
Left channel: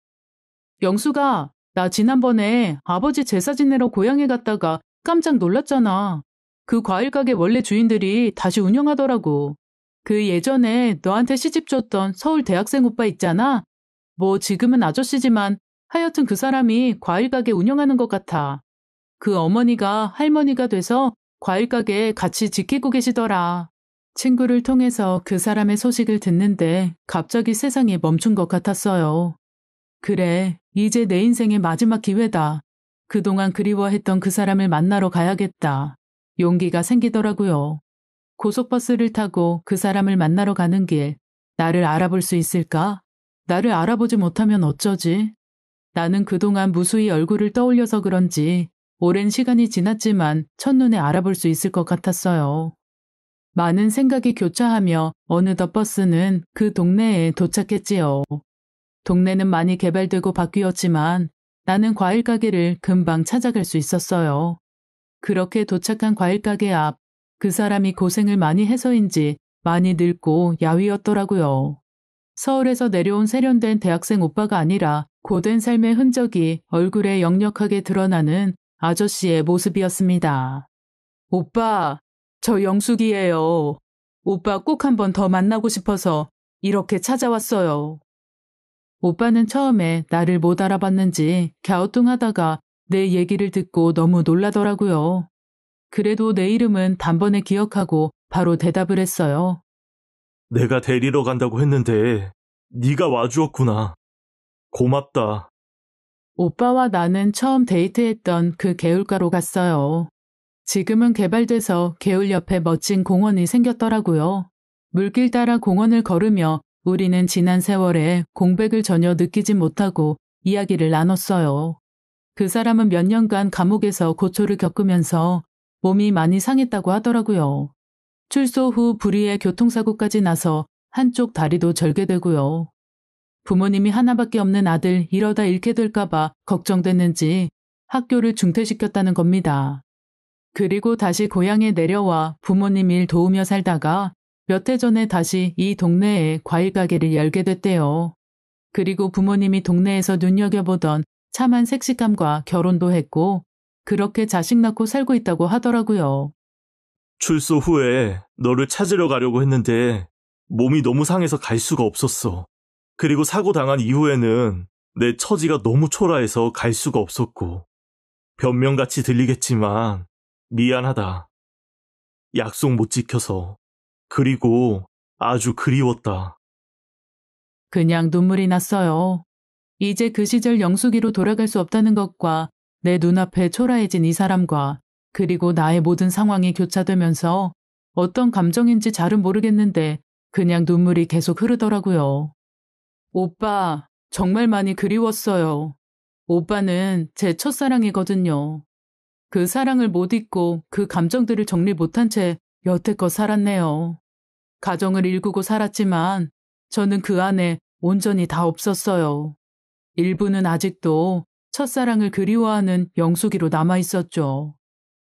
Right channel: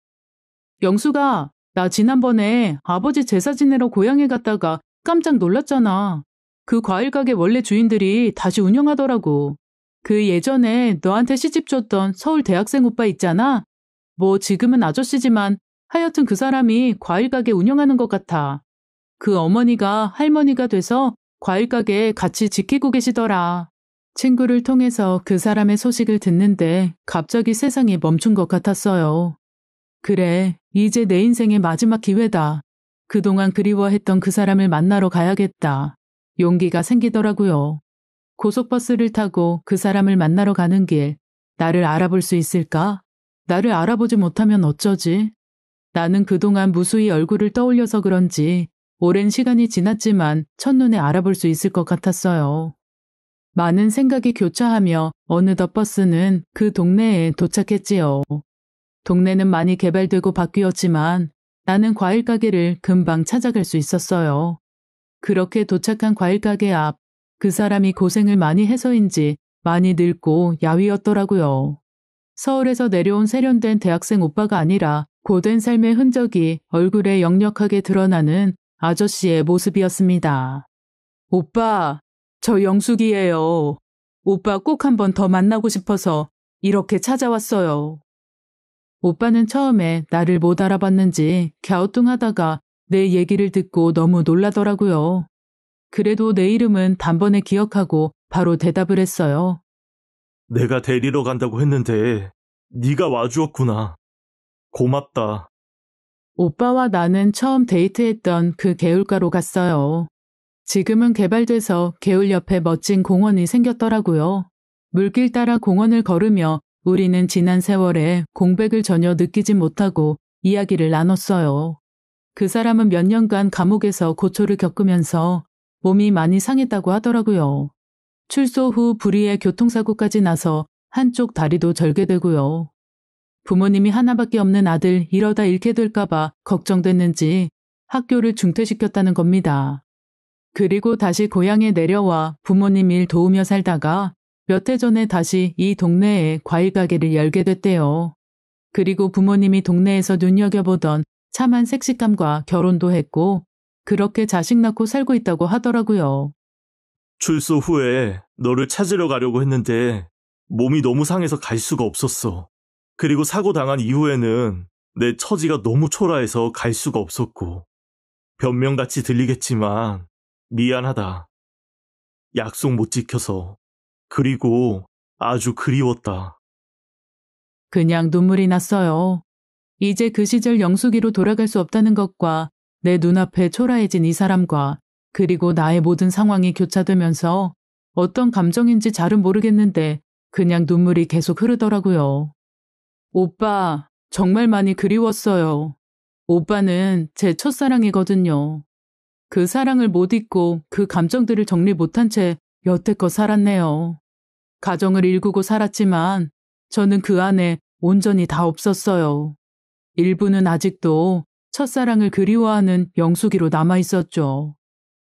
영수가, 나 지난번에 아버지 제사 지내러 고향에 갔다가 깜짝 놀랐잖아. 그 과일 가게 원래 주인들이 다시 운영하더라고. 그 예전에 너한테 시집 줬던 서울 대학생 오빠 있잖아? 뭐 지금은 아저씨지만 하여튼 그 사람이 과일 가게 운영하는 것 같아. 그 어머니가 할머니가 돼서 과일 가게 같이 지키고 계시더라. 친구를 통해서 그 사람의 소식을 듣는데 갑자기 세상이 멈춘 것 같았어요. 그래, 이제 내 인생의 마지막 기회다. 그동안 그리워했던 그 사람을 만나러 가야겠다. 용기가 생기더라고요. 고속버스를 타고 그 사람을 만나러 가는 길, 나를 알아볼 수 있을까? 나를 알아보지 못하면 어쩌지? 나는 그동안 무수히 얼굴을 떠올려서 그런지 오랜 시간이 지났지만 첫눈에 알아볼 수 있을 것 같았어요. 많은 생각이 교차하며 어느덧 버스는 그 동네에 도착했지요. 동네는 많이 개발되고 바뀌었지만 나는 과일 가게를 금방 찾아갈 수 있었어요. 그렇게 도착한 과일 가게 앞, 그 사람이 고생을 많이 해서인지 많이 늙고 야위었더라고요. 서울에서 내려온 세련된 대학생 오빠가 아니라 고된 삶의 흔적이 얼굴에 역력하게 드러나는 아저씨의 모습이었습니다. 오빠, 저 영숙이에요. 오빠 꼭 한 번 더 만나고 싶어서 이렇게 찾아왔어요. 오빠는 처음에 나를 못 알아봤는지 갸우뚱하다가 내 얘기를 듣고 너무 놀라더라고요. 그래도 내 이름은 단번에 기억하고 바로 대답을 했어요. 내가 데리러 간다고 했는데 네가 와주었구나. 고맙다. 오빠와 나는 처음 데이트했던 그 개울가로 갔어요. 지금은 개발돼서 개울 옆에 멋진 공원이 생겼더라고요. 물길 따라 공원을 걸으며 우리는 지난 세월에 공백을 전혀 느끼지 못하고 이야기를 나눴어요. 그 사람은 몇 년간 감옥에서 고초를 겪으면서 몸이 많이 상했다고 하더라고요. 출소 후 불의의 교통사고까지 나서 한쪽 다리도 절개되고요. 부모님이 하나밖에 없는 아들 이러다 잃게 될까봐 걱정됐는지 학교를 중퇴시켰다는 겁니다. 그리고 다시 고향에 내려와 부모님 일 도우며 살다가 몇 해 전에 다시 이 동네에 과일 가게를 열게 됐대요. 그리고 부모님이 동네에서 눈여겨보던 참한 섹시함과 결혼도 했고 그렇게 자식 낳고 살고 있다고 하더라고요. 출소 후에 너를 찾으러 가려고 했는데 몸이 너무 상해서 갈 수가 없었어. 그리고 사고 당한 이후에는 내 처지가 너무 초라해서 갈 수가 없었고. 변명같이 들리겠지만 미안하다. 약속 못 지켜서. 그리고 아주 그리웠다. 그냥 눈물이 났어요. 이제 그 시절 영숙이로 돌아갈 수 없다는 것과 내 눈앞에 초라해진 이 사람과 그리고 나의 모든 상황이 교차되면서 어떤 감정인지 잘은 모르겠는데 그냥 눈물이 계속 흐르더라고요. 오빠, 정말 많이 그리웠어요. 오빠는 제 첫사랑이거든요. 그 사랑을 못 잊고 그 감정들을 정리 못한 채 여태껏 살았네요. 가정을 일구고 살았지만 저는 그 안에 온전히 다 없었어요. 일부는 아직도 첫사랑을 그리워하는 영숙이로 남아있었죠.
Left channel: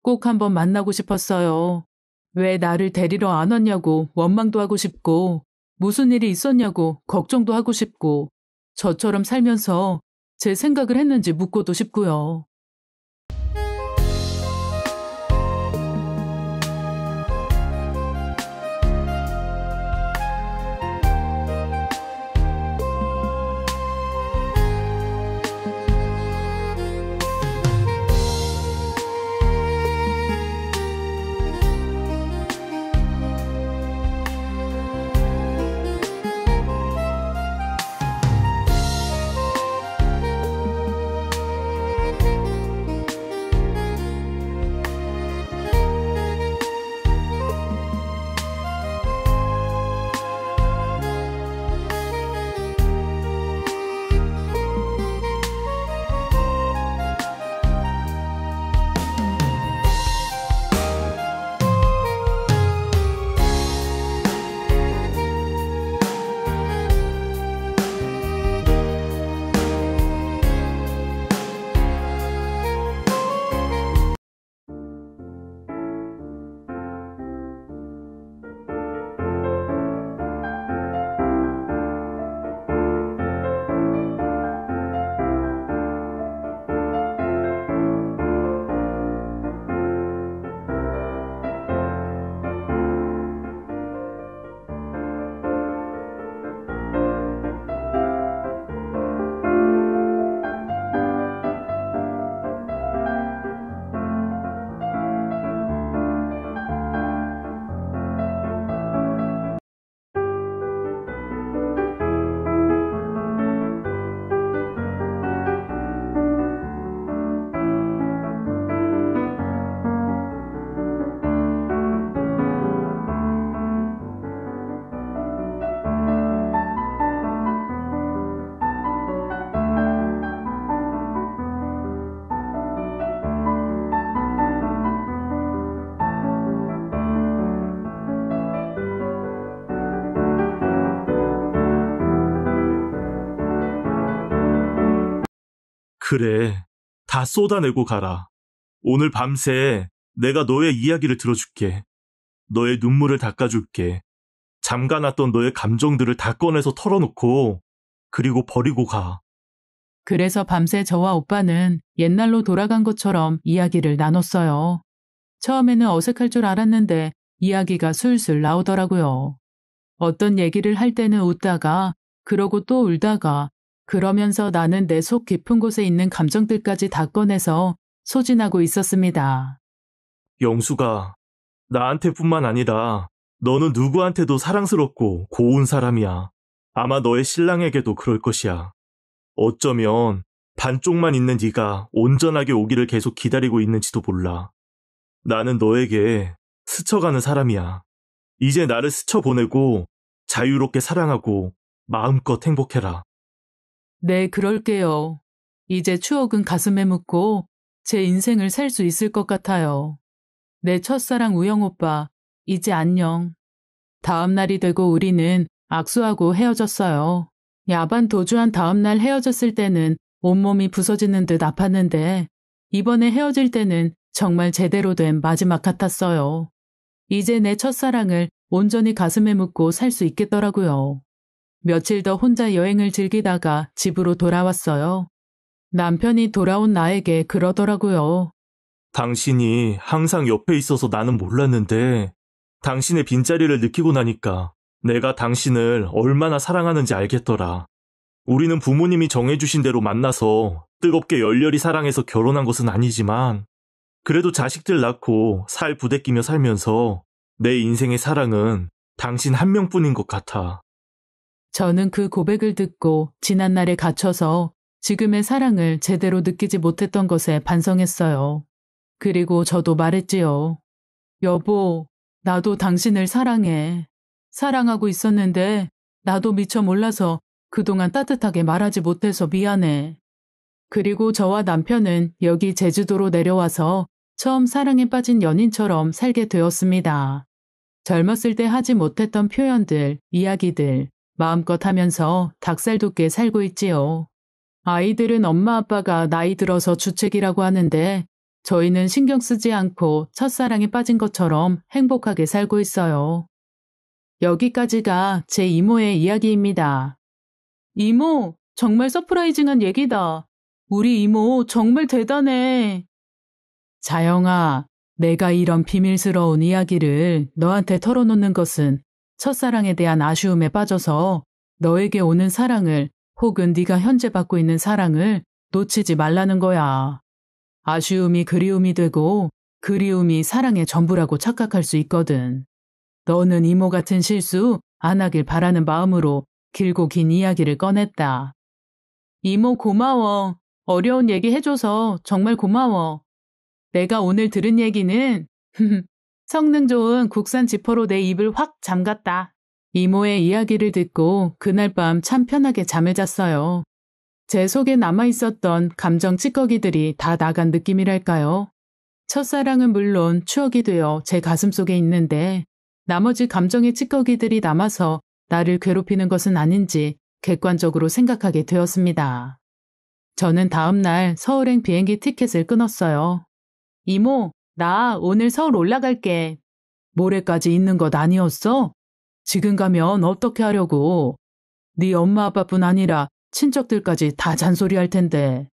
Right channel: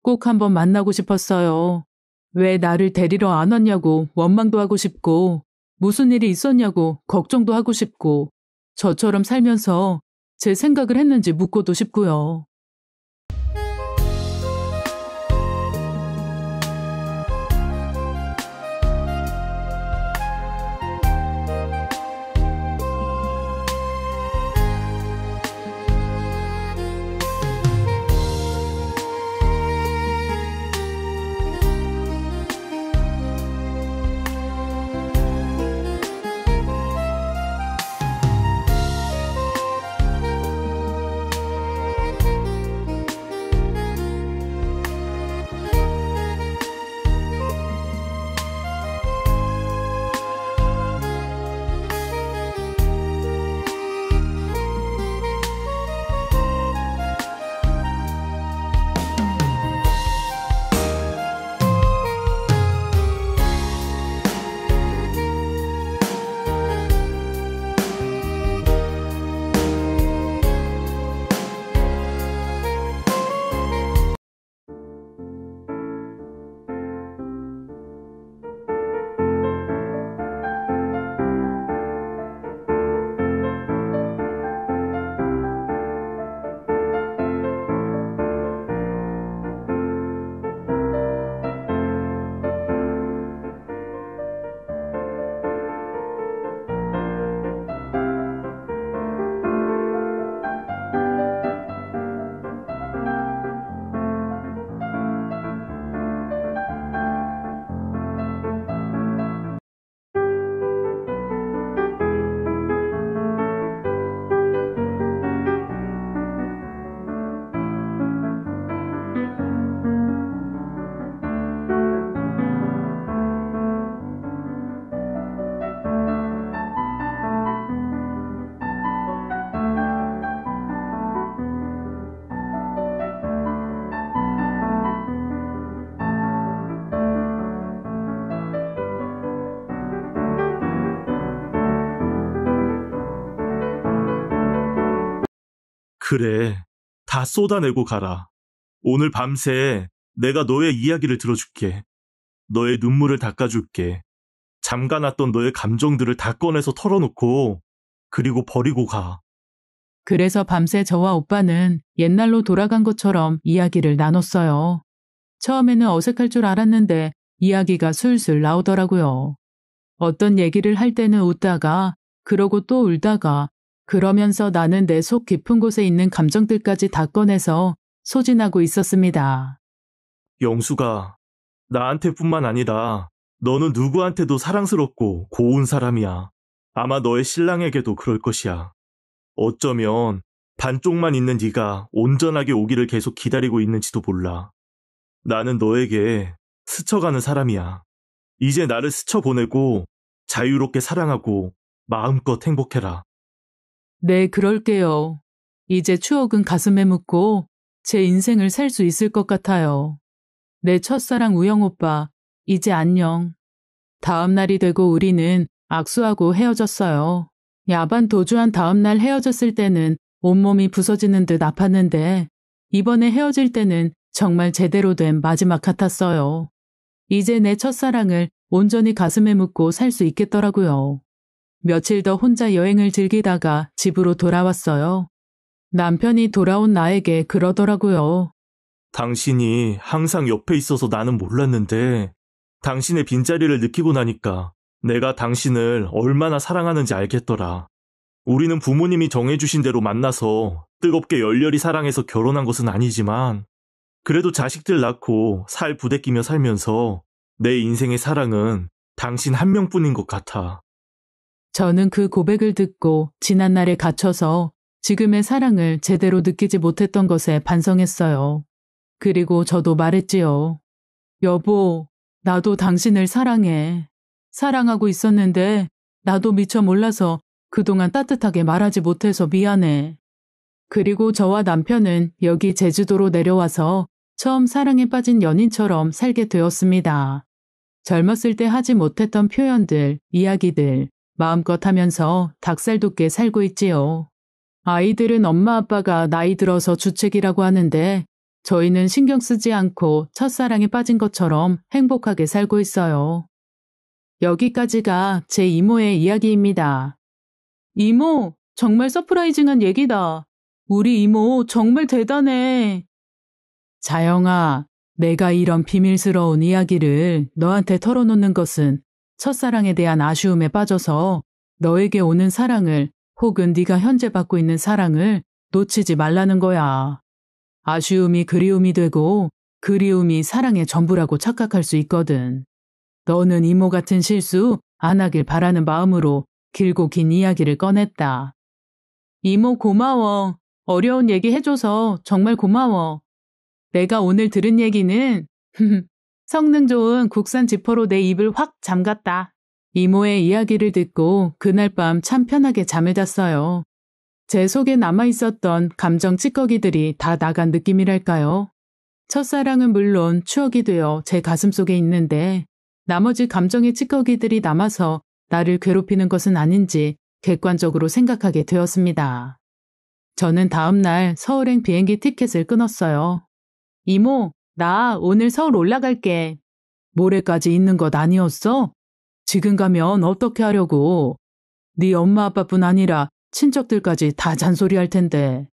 꼭 한번 만나고 싶었어요. 왜 나를 데리러 안 왔냐고 원망도 하고 싶고 무슨 일이 있었냐고 걱정도 하고 싶고 저처럼 살면서 제 생각을 했는지 묻고도 싶고요. 그래, 다 쏟아내고 가라. 오늘 밤새 내가 너의 이야기를 들어줄게. 너의 눈물을 닦아줄게. 잠가놨던 너의 감정들을 다 꺼내서 털어놓고 그리고 버리고 가. 그래서 밤새 저와 오빠는 옛날로 돌아간 것처럼 이야기를 나눴어요. 처음에는 어색할 줄 알았는데 이야기가 술술 나오더라고요. 어떤 얘기를 할 때는 웃다가 그러고 또 울다가 그러면서 나는 내 속 깊은 곳에 있는 감정들까지 다 꺼내서 소진하고 있었습니다. 영수가 나한테뿐만 아니라 너는 누구한테도 사랑스럽고 고운 사람이야. 아마 너의 신랑에게도 그럴 것이야. 어쩌면 반쪽만 있는 네가 온전하게 오기를 계속 기다리고 있는지도 몰라. 나는 너에게 스쳐가는 사람이야. 이제 나를 스쳐보내고 자유롭게 사랑하고 마음껏 행복해라. 네, 그럴게요. 이제 추억은 가슴에 묻고 제 인생을 살 수 있을 것 같아요. 내 첫사랑 우영 오빠, 이제 안녕. 다음 날이 되고 우리는 악수하고 헤어졌어요. 야반 도주한 다음 날 헤어졌을 때는 온몸이 부서지는 듯 아팠는데 이번에 헤어질 때는 정말 제대로 된 마지막 같았어요. 이제 내 첫사랑을 온전히 가슴에 묻고 살 수 있겠더라고요. 며칠 더 혼자 여행을 즐기다가 집으로 돌아왔어요. 남편이 돌아온 나에게 그러더라고요. 당신이 항상 옆에 있어서 나는 몰랐는데 당신의 빈자리를 느끼고 나니까 내가 당신을 얼마나 사랑하는지 알겠더라. 우리는 부모님이 정해주신 대로 만나서 뜨겁게 열렬히 사랑해서 결혼한 것은 아니지만 그래도 자식들 낳고 살 부대끼며 살면서 내 인생의 사랑은 당신 한 명뿐인 것 같아. 저는 그 고백을 듣고 지난날에 갇혀서 지금의 사랑을 제대로 느끼지 못했던 것에 반성했어요. 그리고 저도 말했지요. 여보, 나도 당신을 사랑해. 사랑하고 있었는데 나도 미처 몰라서 그동안 따뜻하게 말하지 못해서 미안해. 그리고 저와 남편은 여기 제주도로 내려와서 처음 사랑에 빠진 연인처럼 살게 되었습니다. 젊었을 때 하지 못했던 표현들, 이야기들 마음껏 하면서 닭살 돋게 살고 있지요. 아이들은 엄마 아빠가 나이 들어서 주책이라고 하는데 저희는 신경 쓰지 않고 첫사랑에 빠진 것처럼 행복하게 살고 있어요. 여기까지가 제 이모의 이야기입니다. 이모, 정말 서프라이징한 얘기다. 우리 이모 정말 대단해. 자영아, 내가 이런 비밀스러운 이야기를 너한테 털어놓는 것은 첫사랑에 대한 아쉬움에 빠져서 너에게 오는 사랑을 혹은 네가 현재 받고 있는 사랑을 놓치지 말라는 거야. 아쉬움이 그리움이 되고 그리움이 사랑의 전부라고 착각할 수 있거든. 너는 이모 같은 실수 안 하길 바라는 마음으로 길고 긴 이야기를 꺼냈다. 이모 고마워. 어려운 얘기 해줘서 정말 고마워. 내가 오늘 들은 얘기는 성능 좋은 국산 지퍼로 내 입을 확 잠갔다. 이모의 이야기를 듣고 그날 밤 참 편하게 잠을 잤어요. 제 속에 남아있었던 감정 찌꺼기들이 다 나간 느낌이랄까요. 첫사랑은 물론 추억이 되어 제 가슴속에 있는데 나머지 감정의 찌꺼기들이 남아서 나를 괴롭히는 것은 아닌지 객관적으로 생각하게 되었습니다. 저는 다음날 서울행 비행기 티켓을 끊었어요. 이모, 나 오늘 서울 올라갈게. 모레까지 있는 것 아니었어? 지금 가면 어떻게 하려고? 네 엄마 아빠뿐 아니라 친척들까지 다 잔소리할 텐데.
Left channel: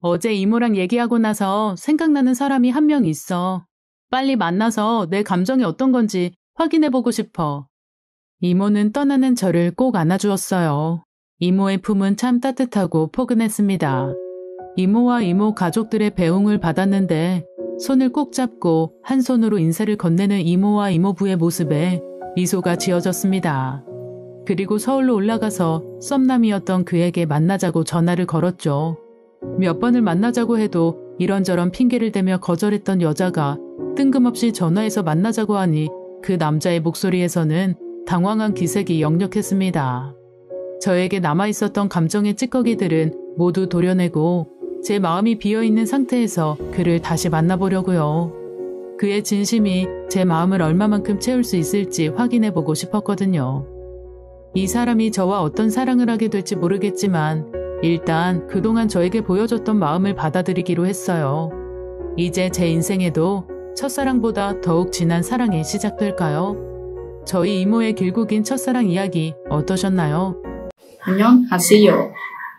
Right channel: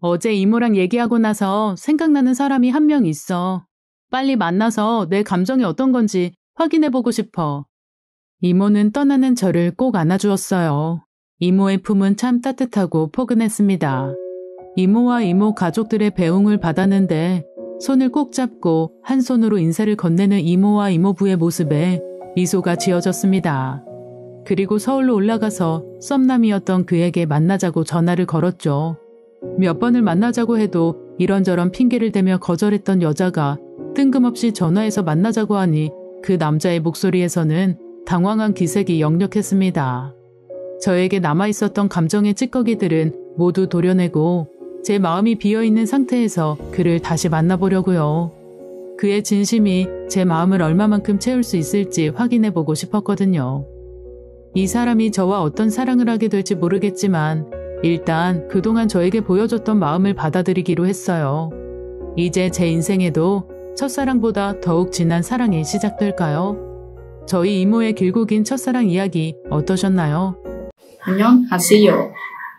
어제 이모랑 얘기하고 나서 생각나는 사람이 한 명 있어. 빨리 만나서 내 감정이 어떤 건지 확인해보고 싶어. 이모는 떠나는 저를 꼭 안아주었어요. 이모의 품은 참 따뜻하고 포근했습니다. 이모와 이모 가족들의 배웅을 받았는데 손을 꼭 잡고 한 손으로 인사를 건네는 이모와 이모부의 모습에 미소가 지어졌습니다. 그리고 서울로 올라가서 썸남이었던 그에게 만나자고 전화를 걸었죠. 몇 번을 만나자고 해도 이런저런 핑계를 대며 거절했던 여자가 뜬금없이 전화해서 만나자고 하니 그 남자의 목소리에서는 당황한 기색이 역력했습니다. 저에게 남아있었던 감정의 찌꺼기들은 모두 도려내고 제 마음이 비어있는 상태에서 그를 다시 만나보려고요. 그의 진심이 제 마음을 얼마만큼 채울 수 있을지 확인해보고 싶었거든요. 이 사람이 저와 어떤 사랑을 하게 될지 모르겠지만 일단 그동안 저에게 보여줬던 마음을 받아들이기로 했어요. 이제 제 인생에도 첫사랑보다 더욱 진한 사랑이 시작될까요? 저희 이모의 길고 긴 첫사랑 이야기 어떠셨나요? 안녕하세요.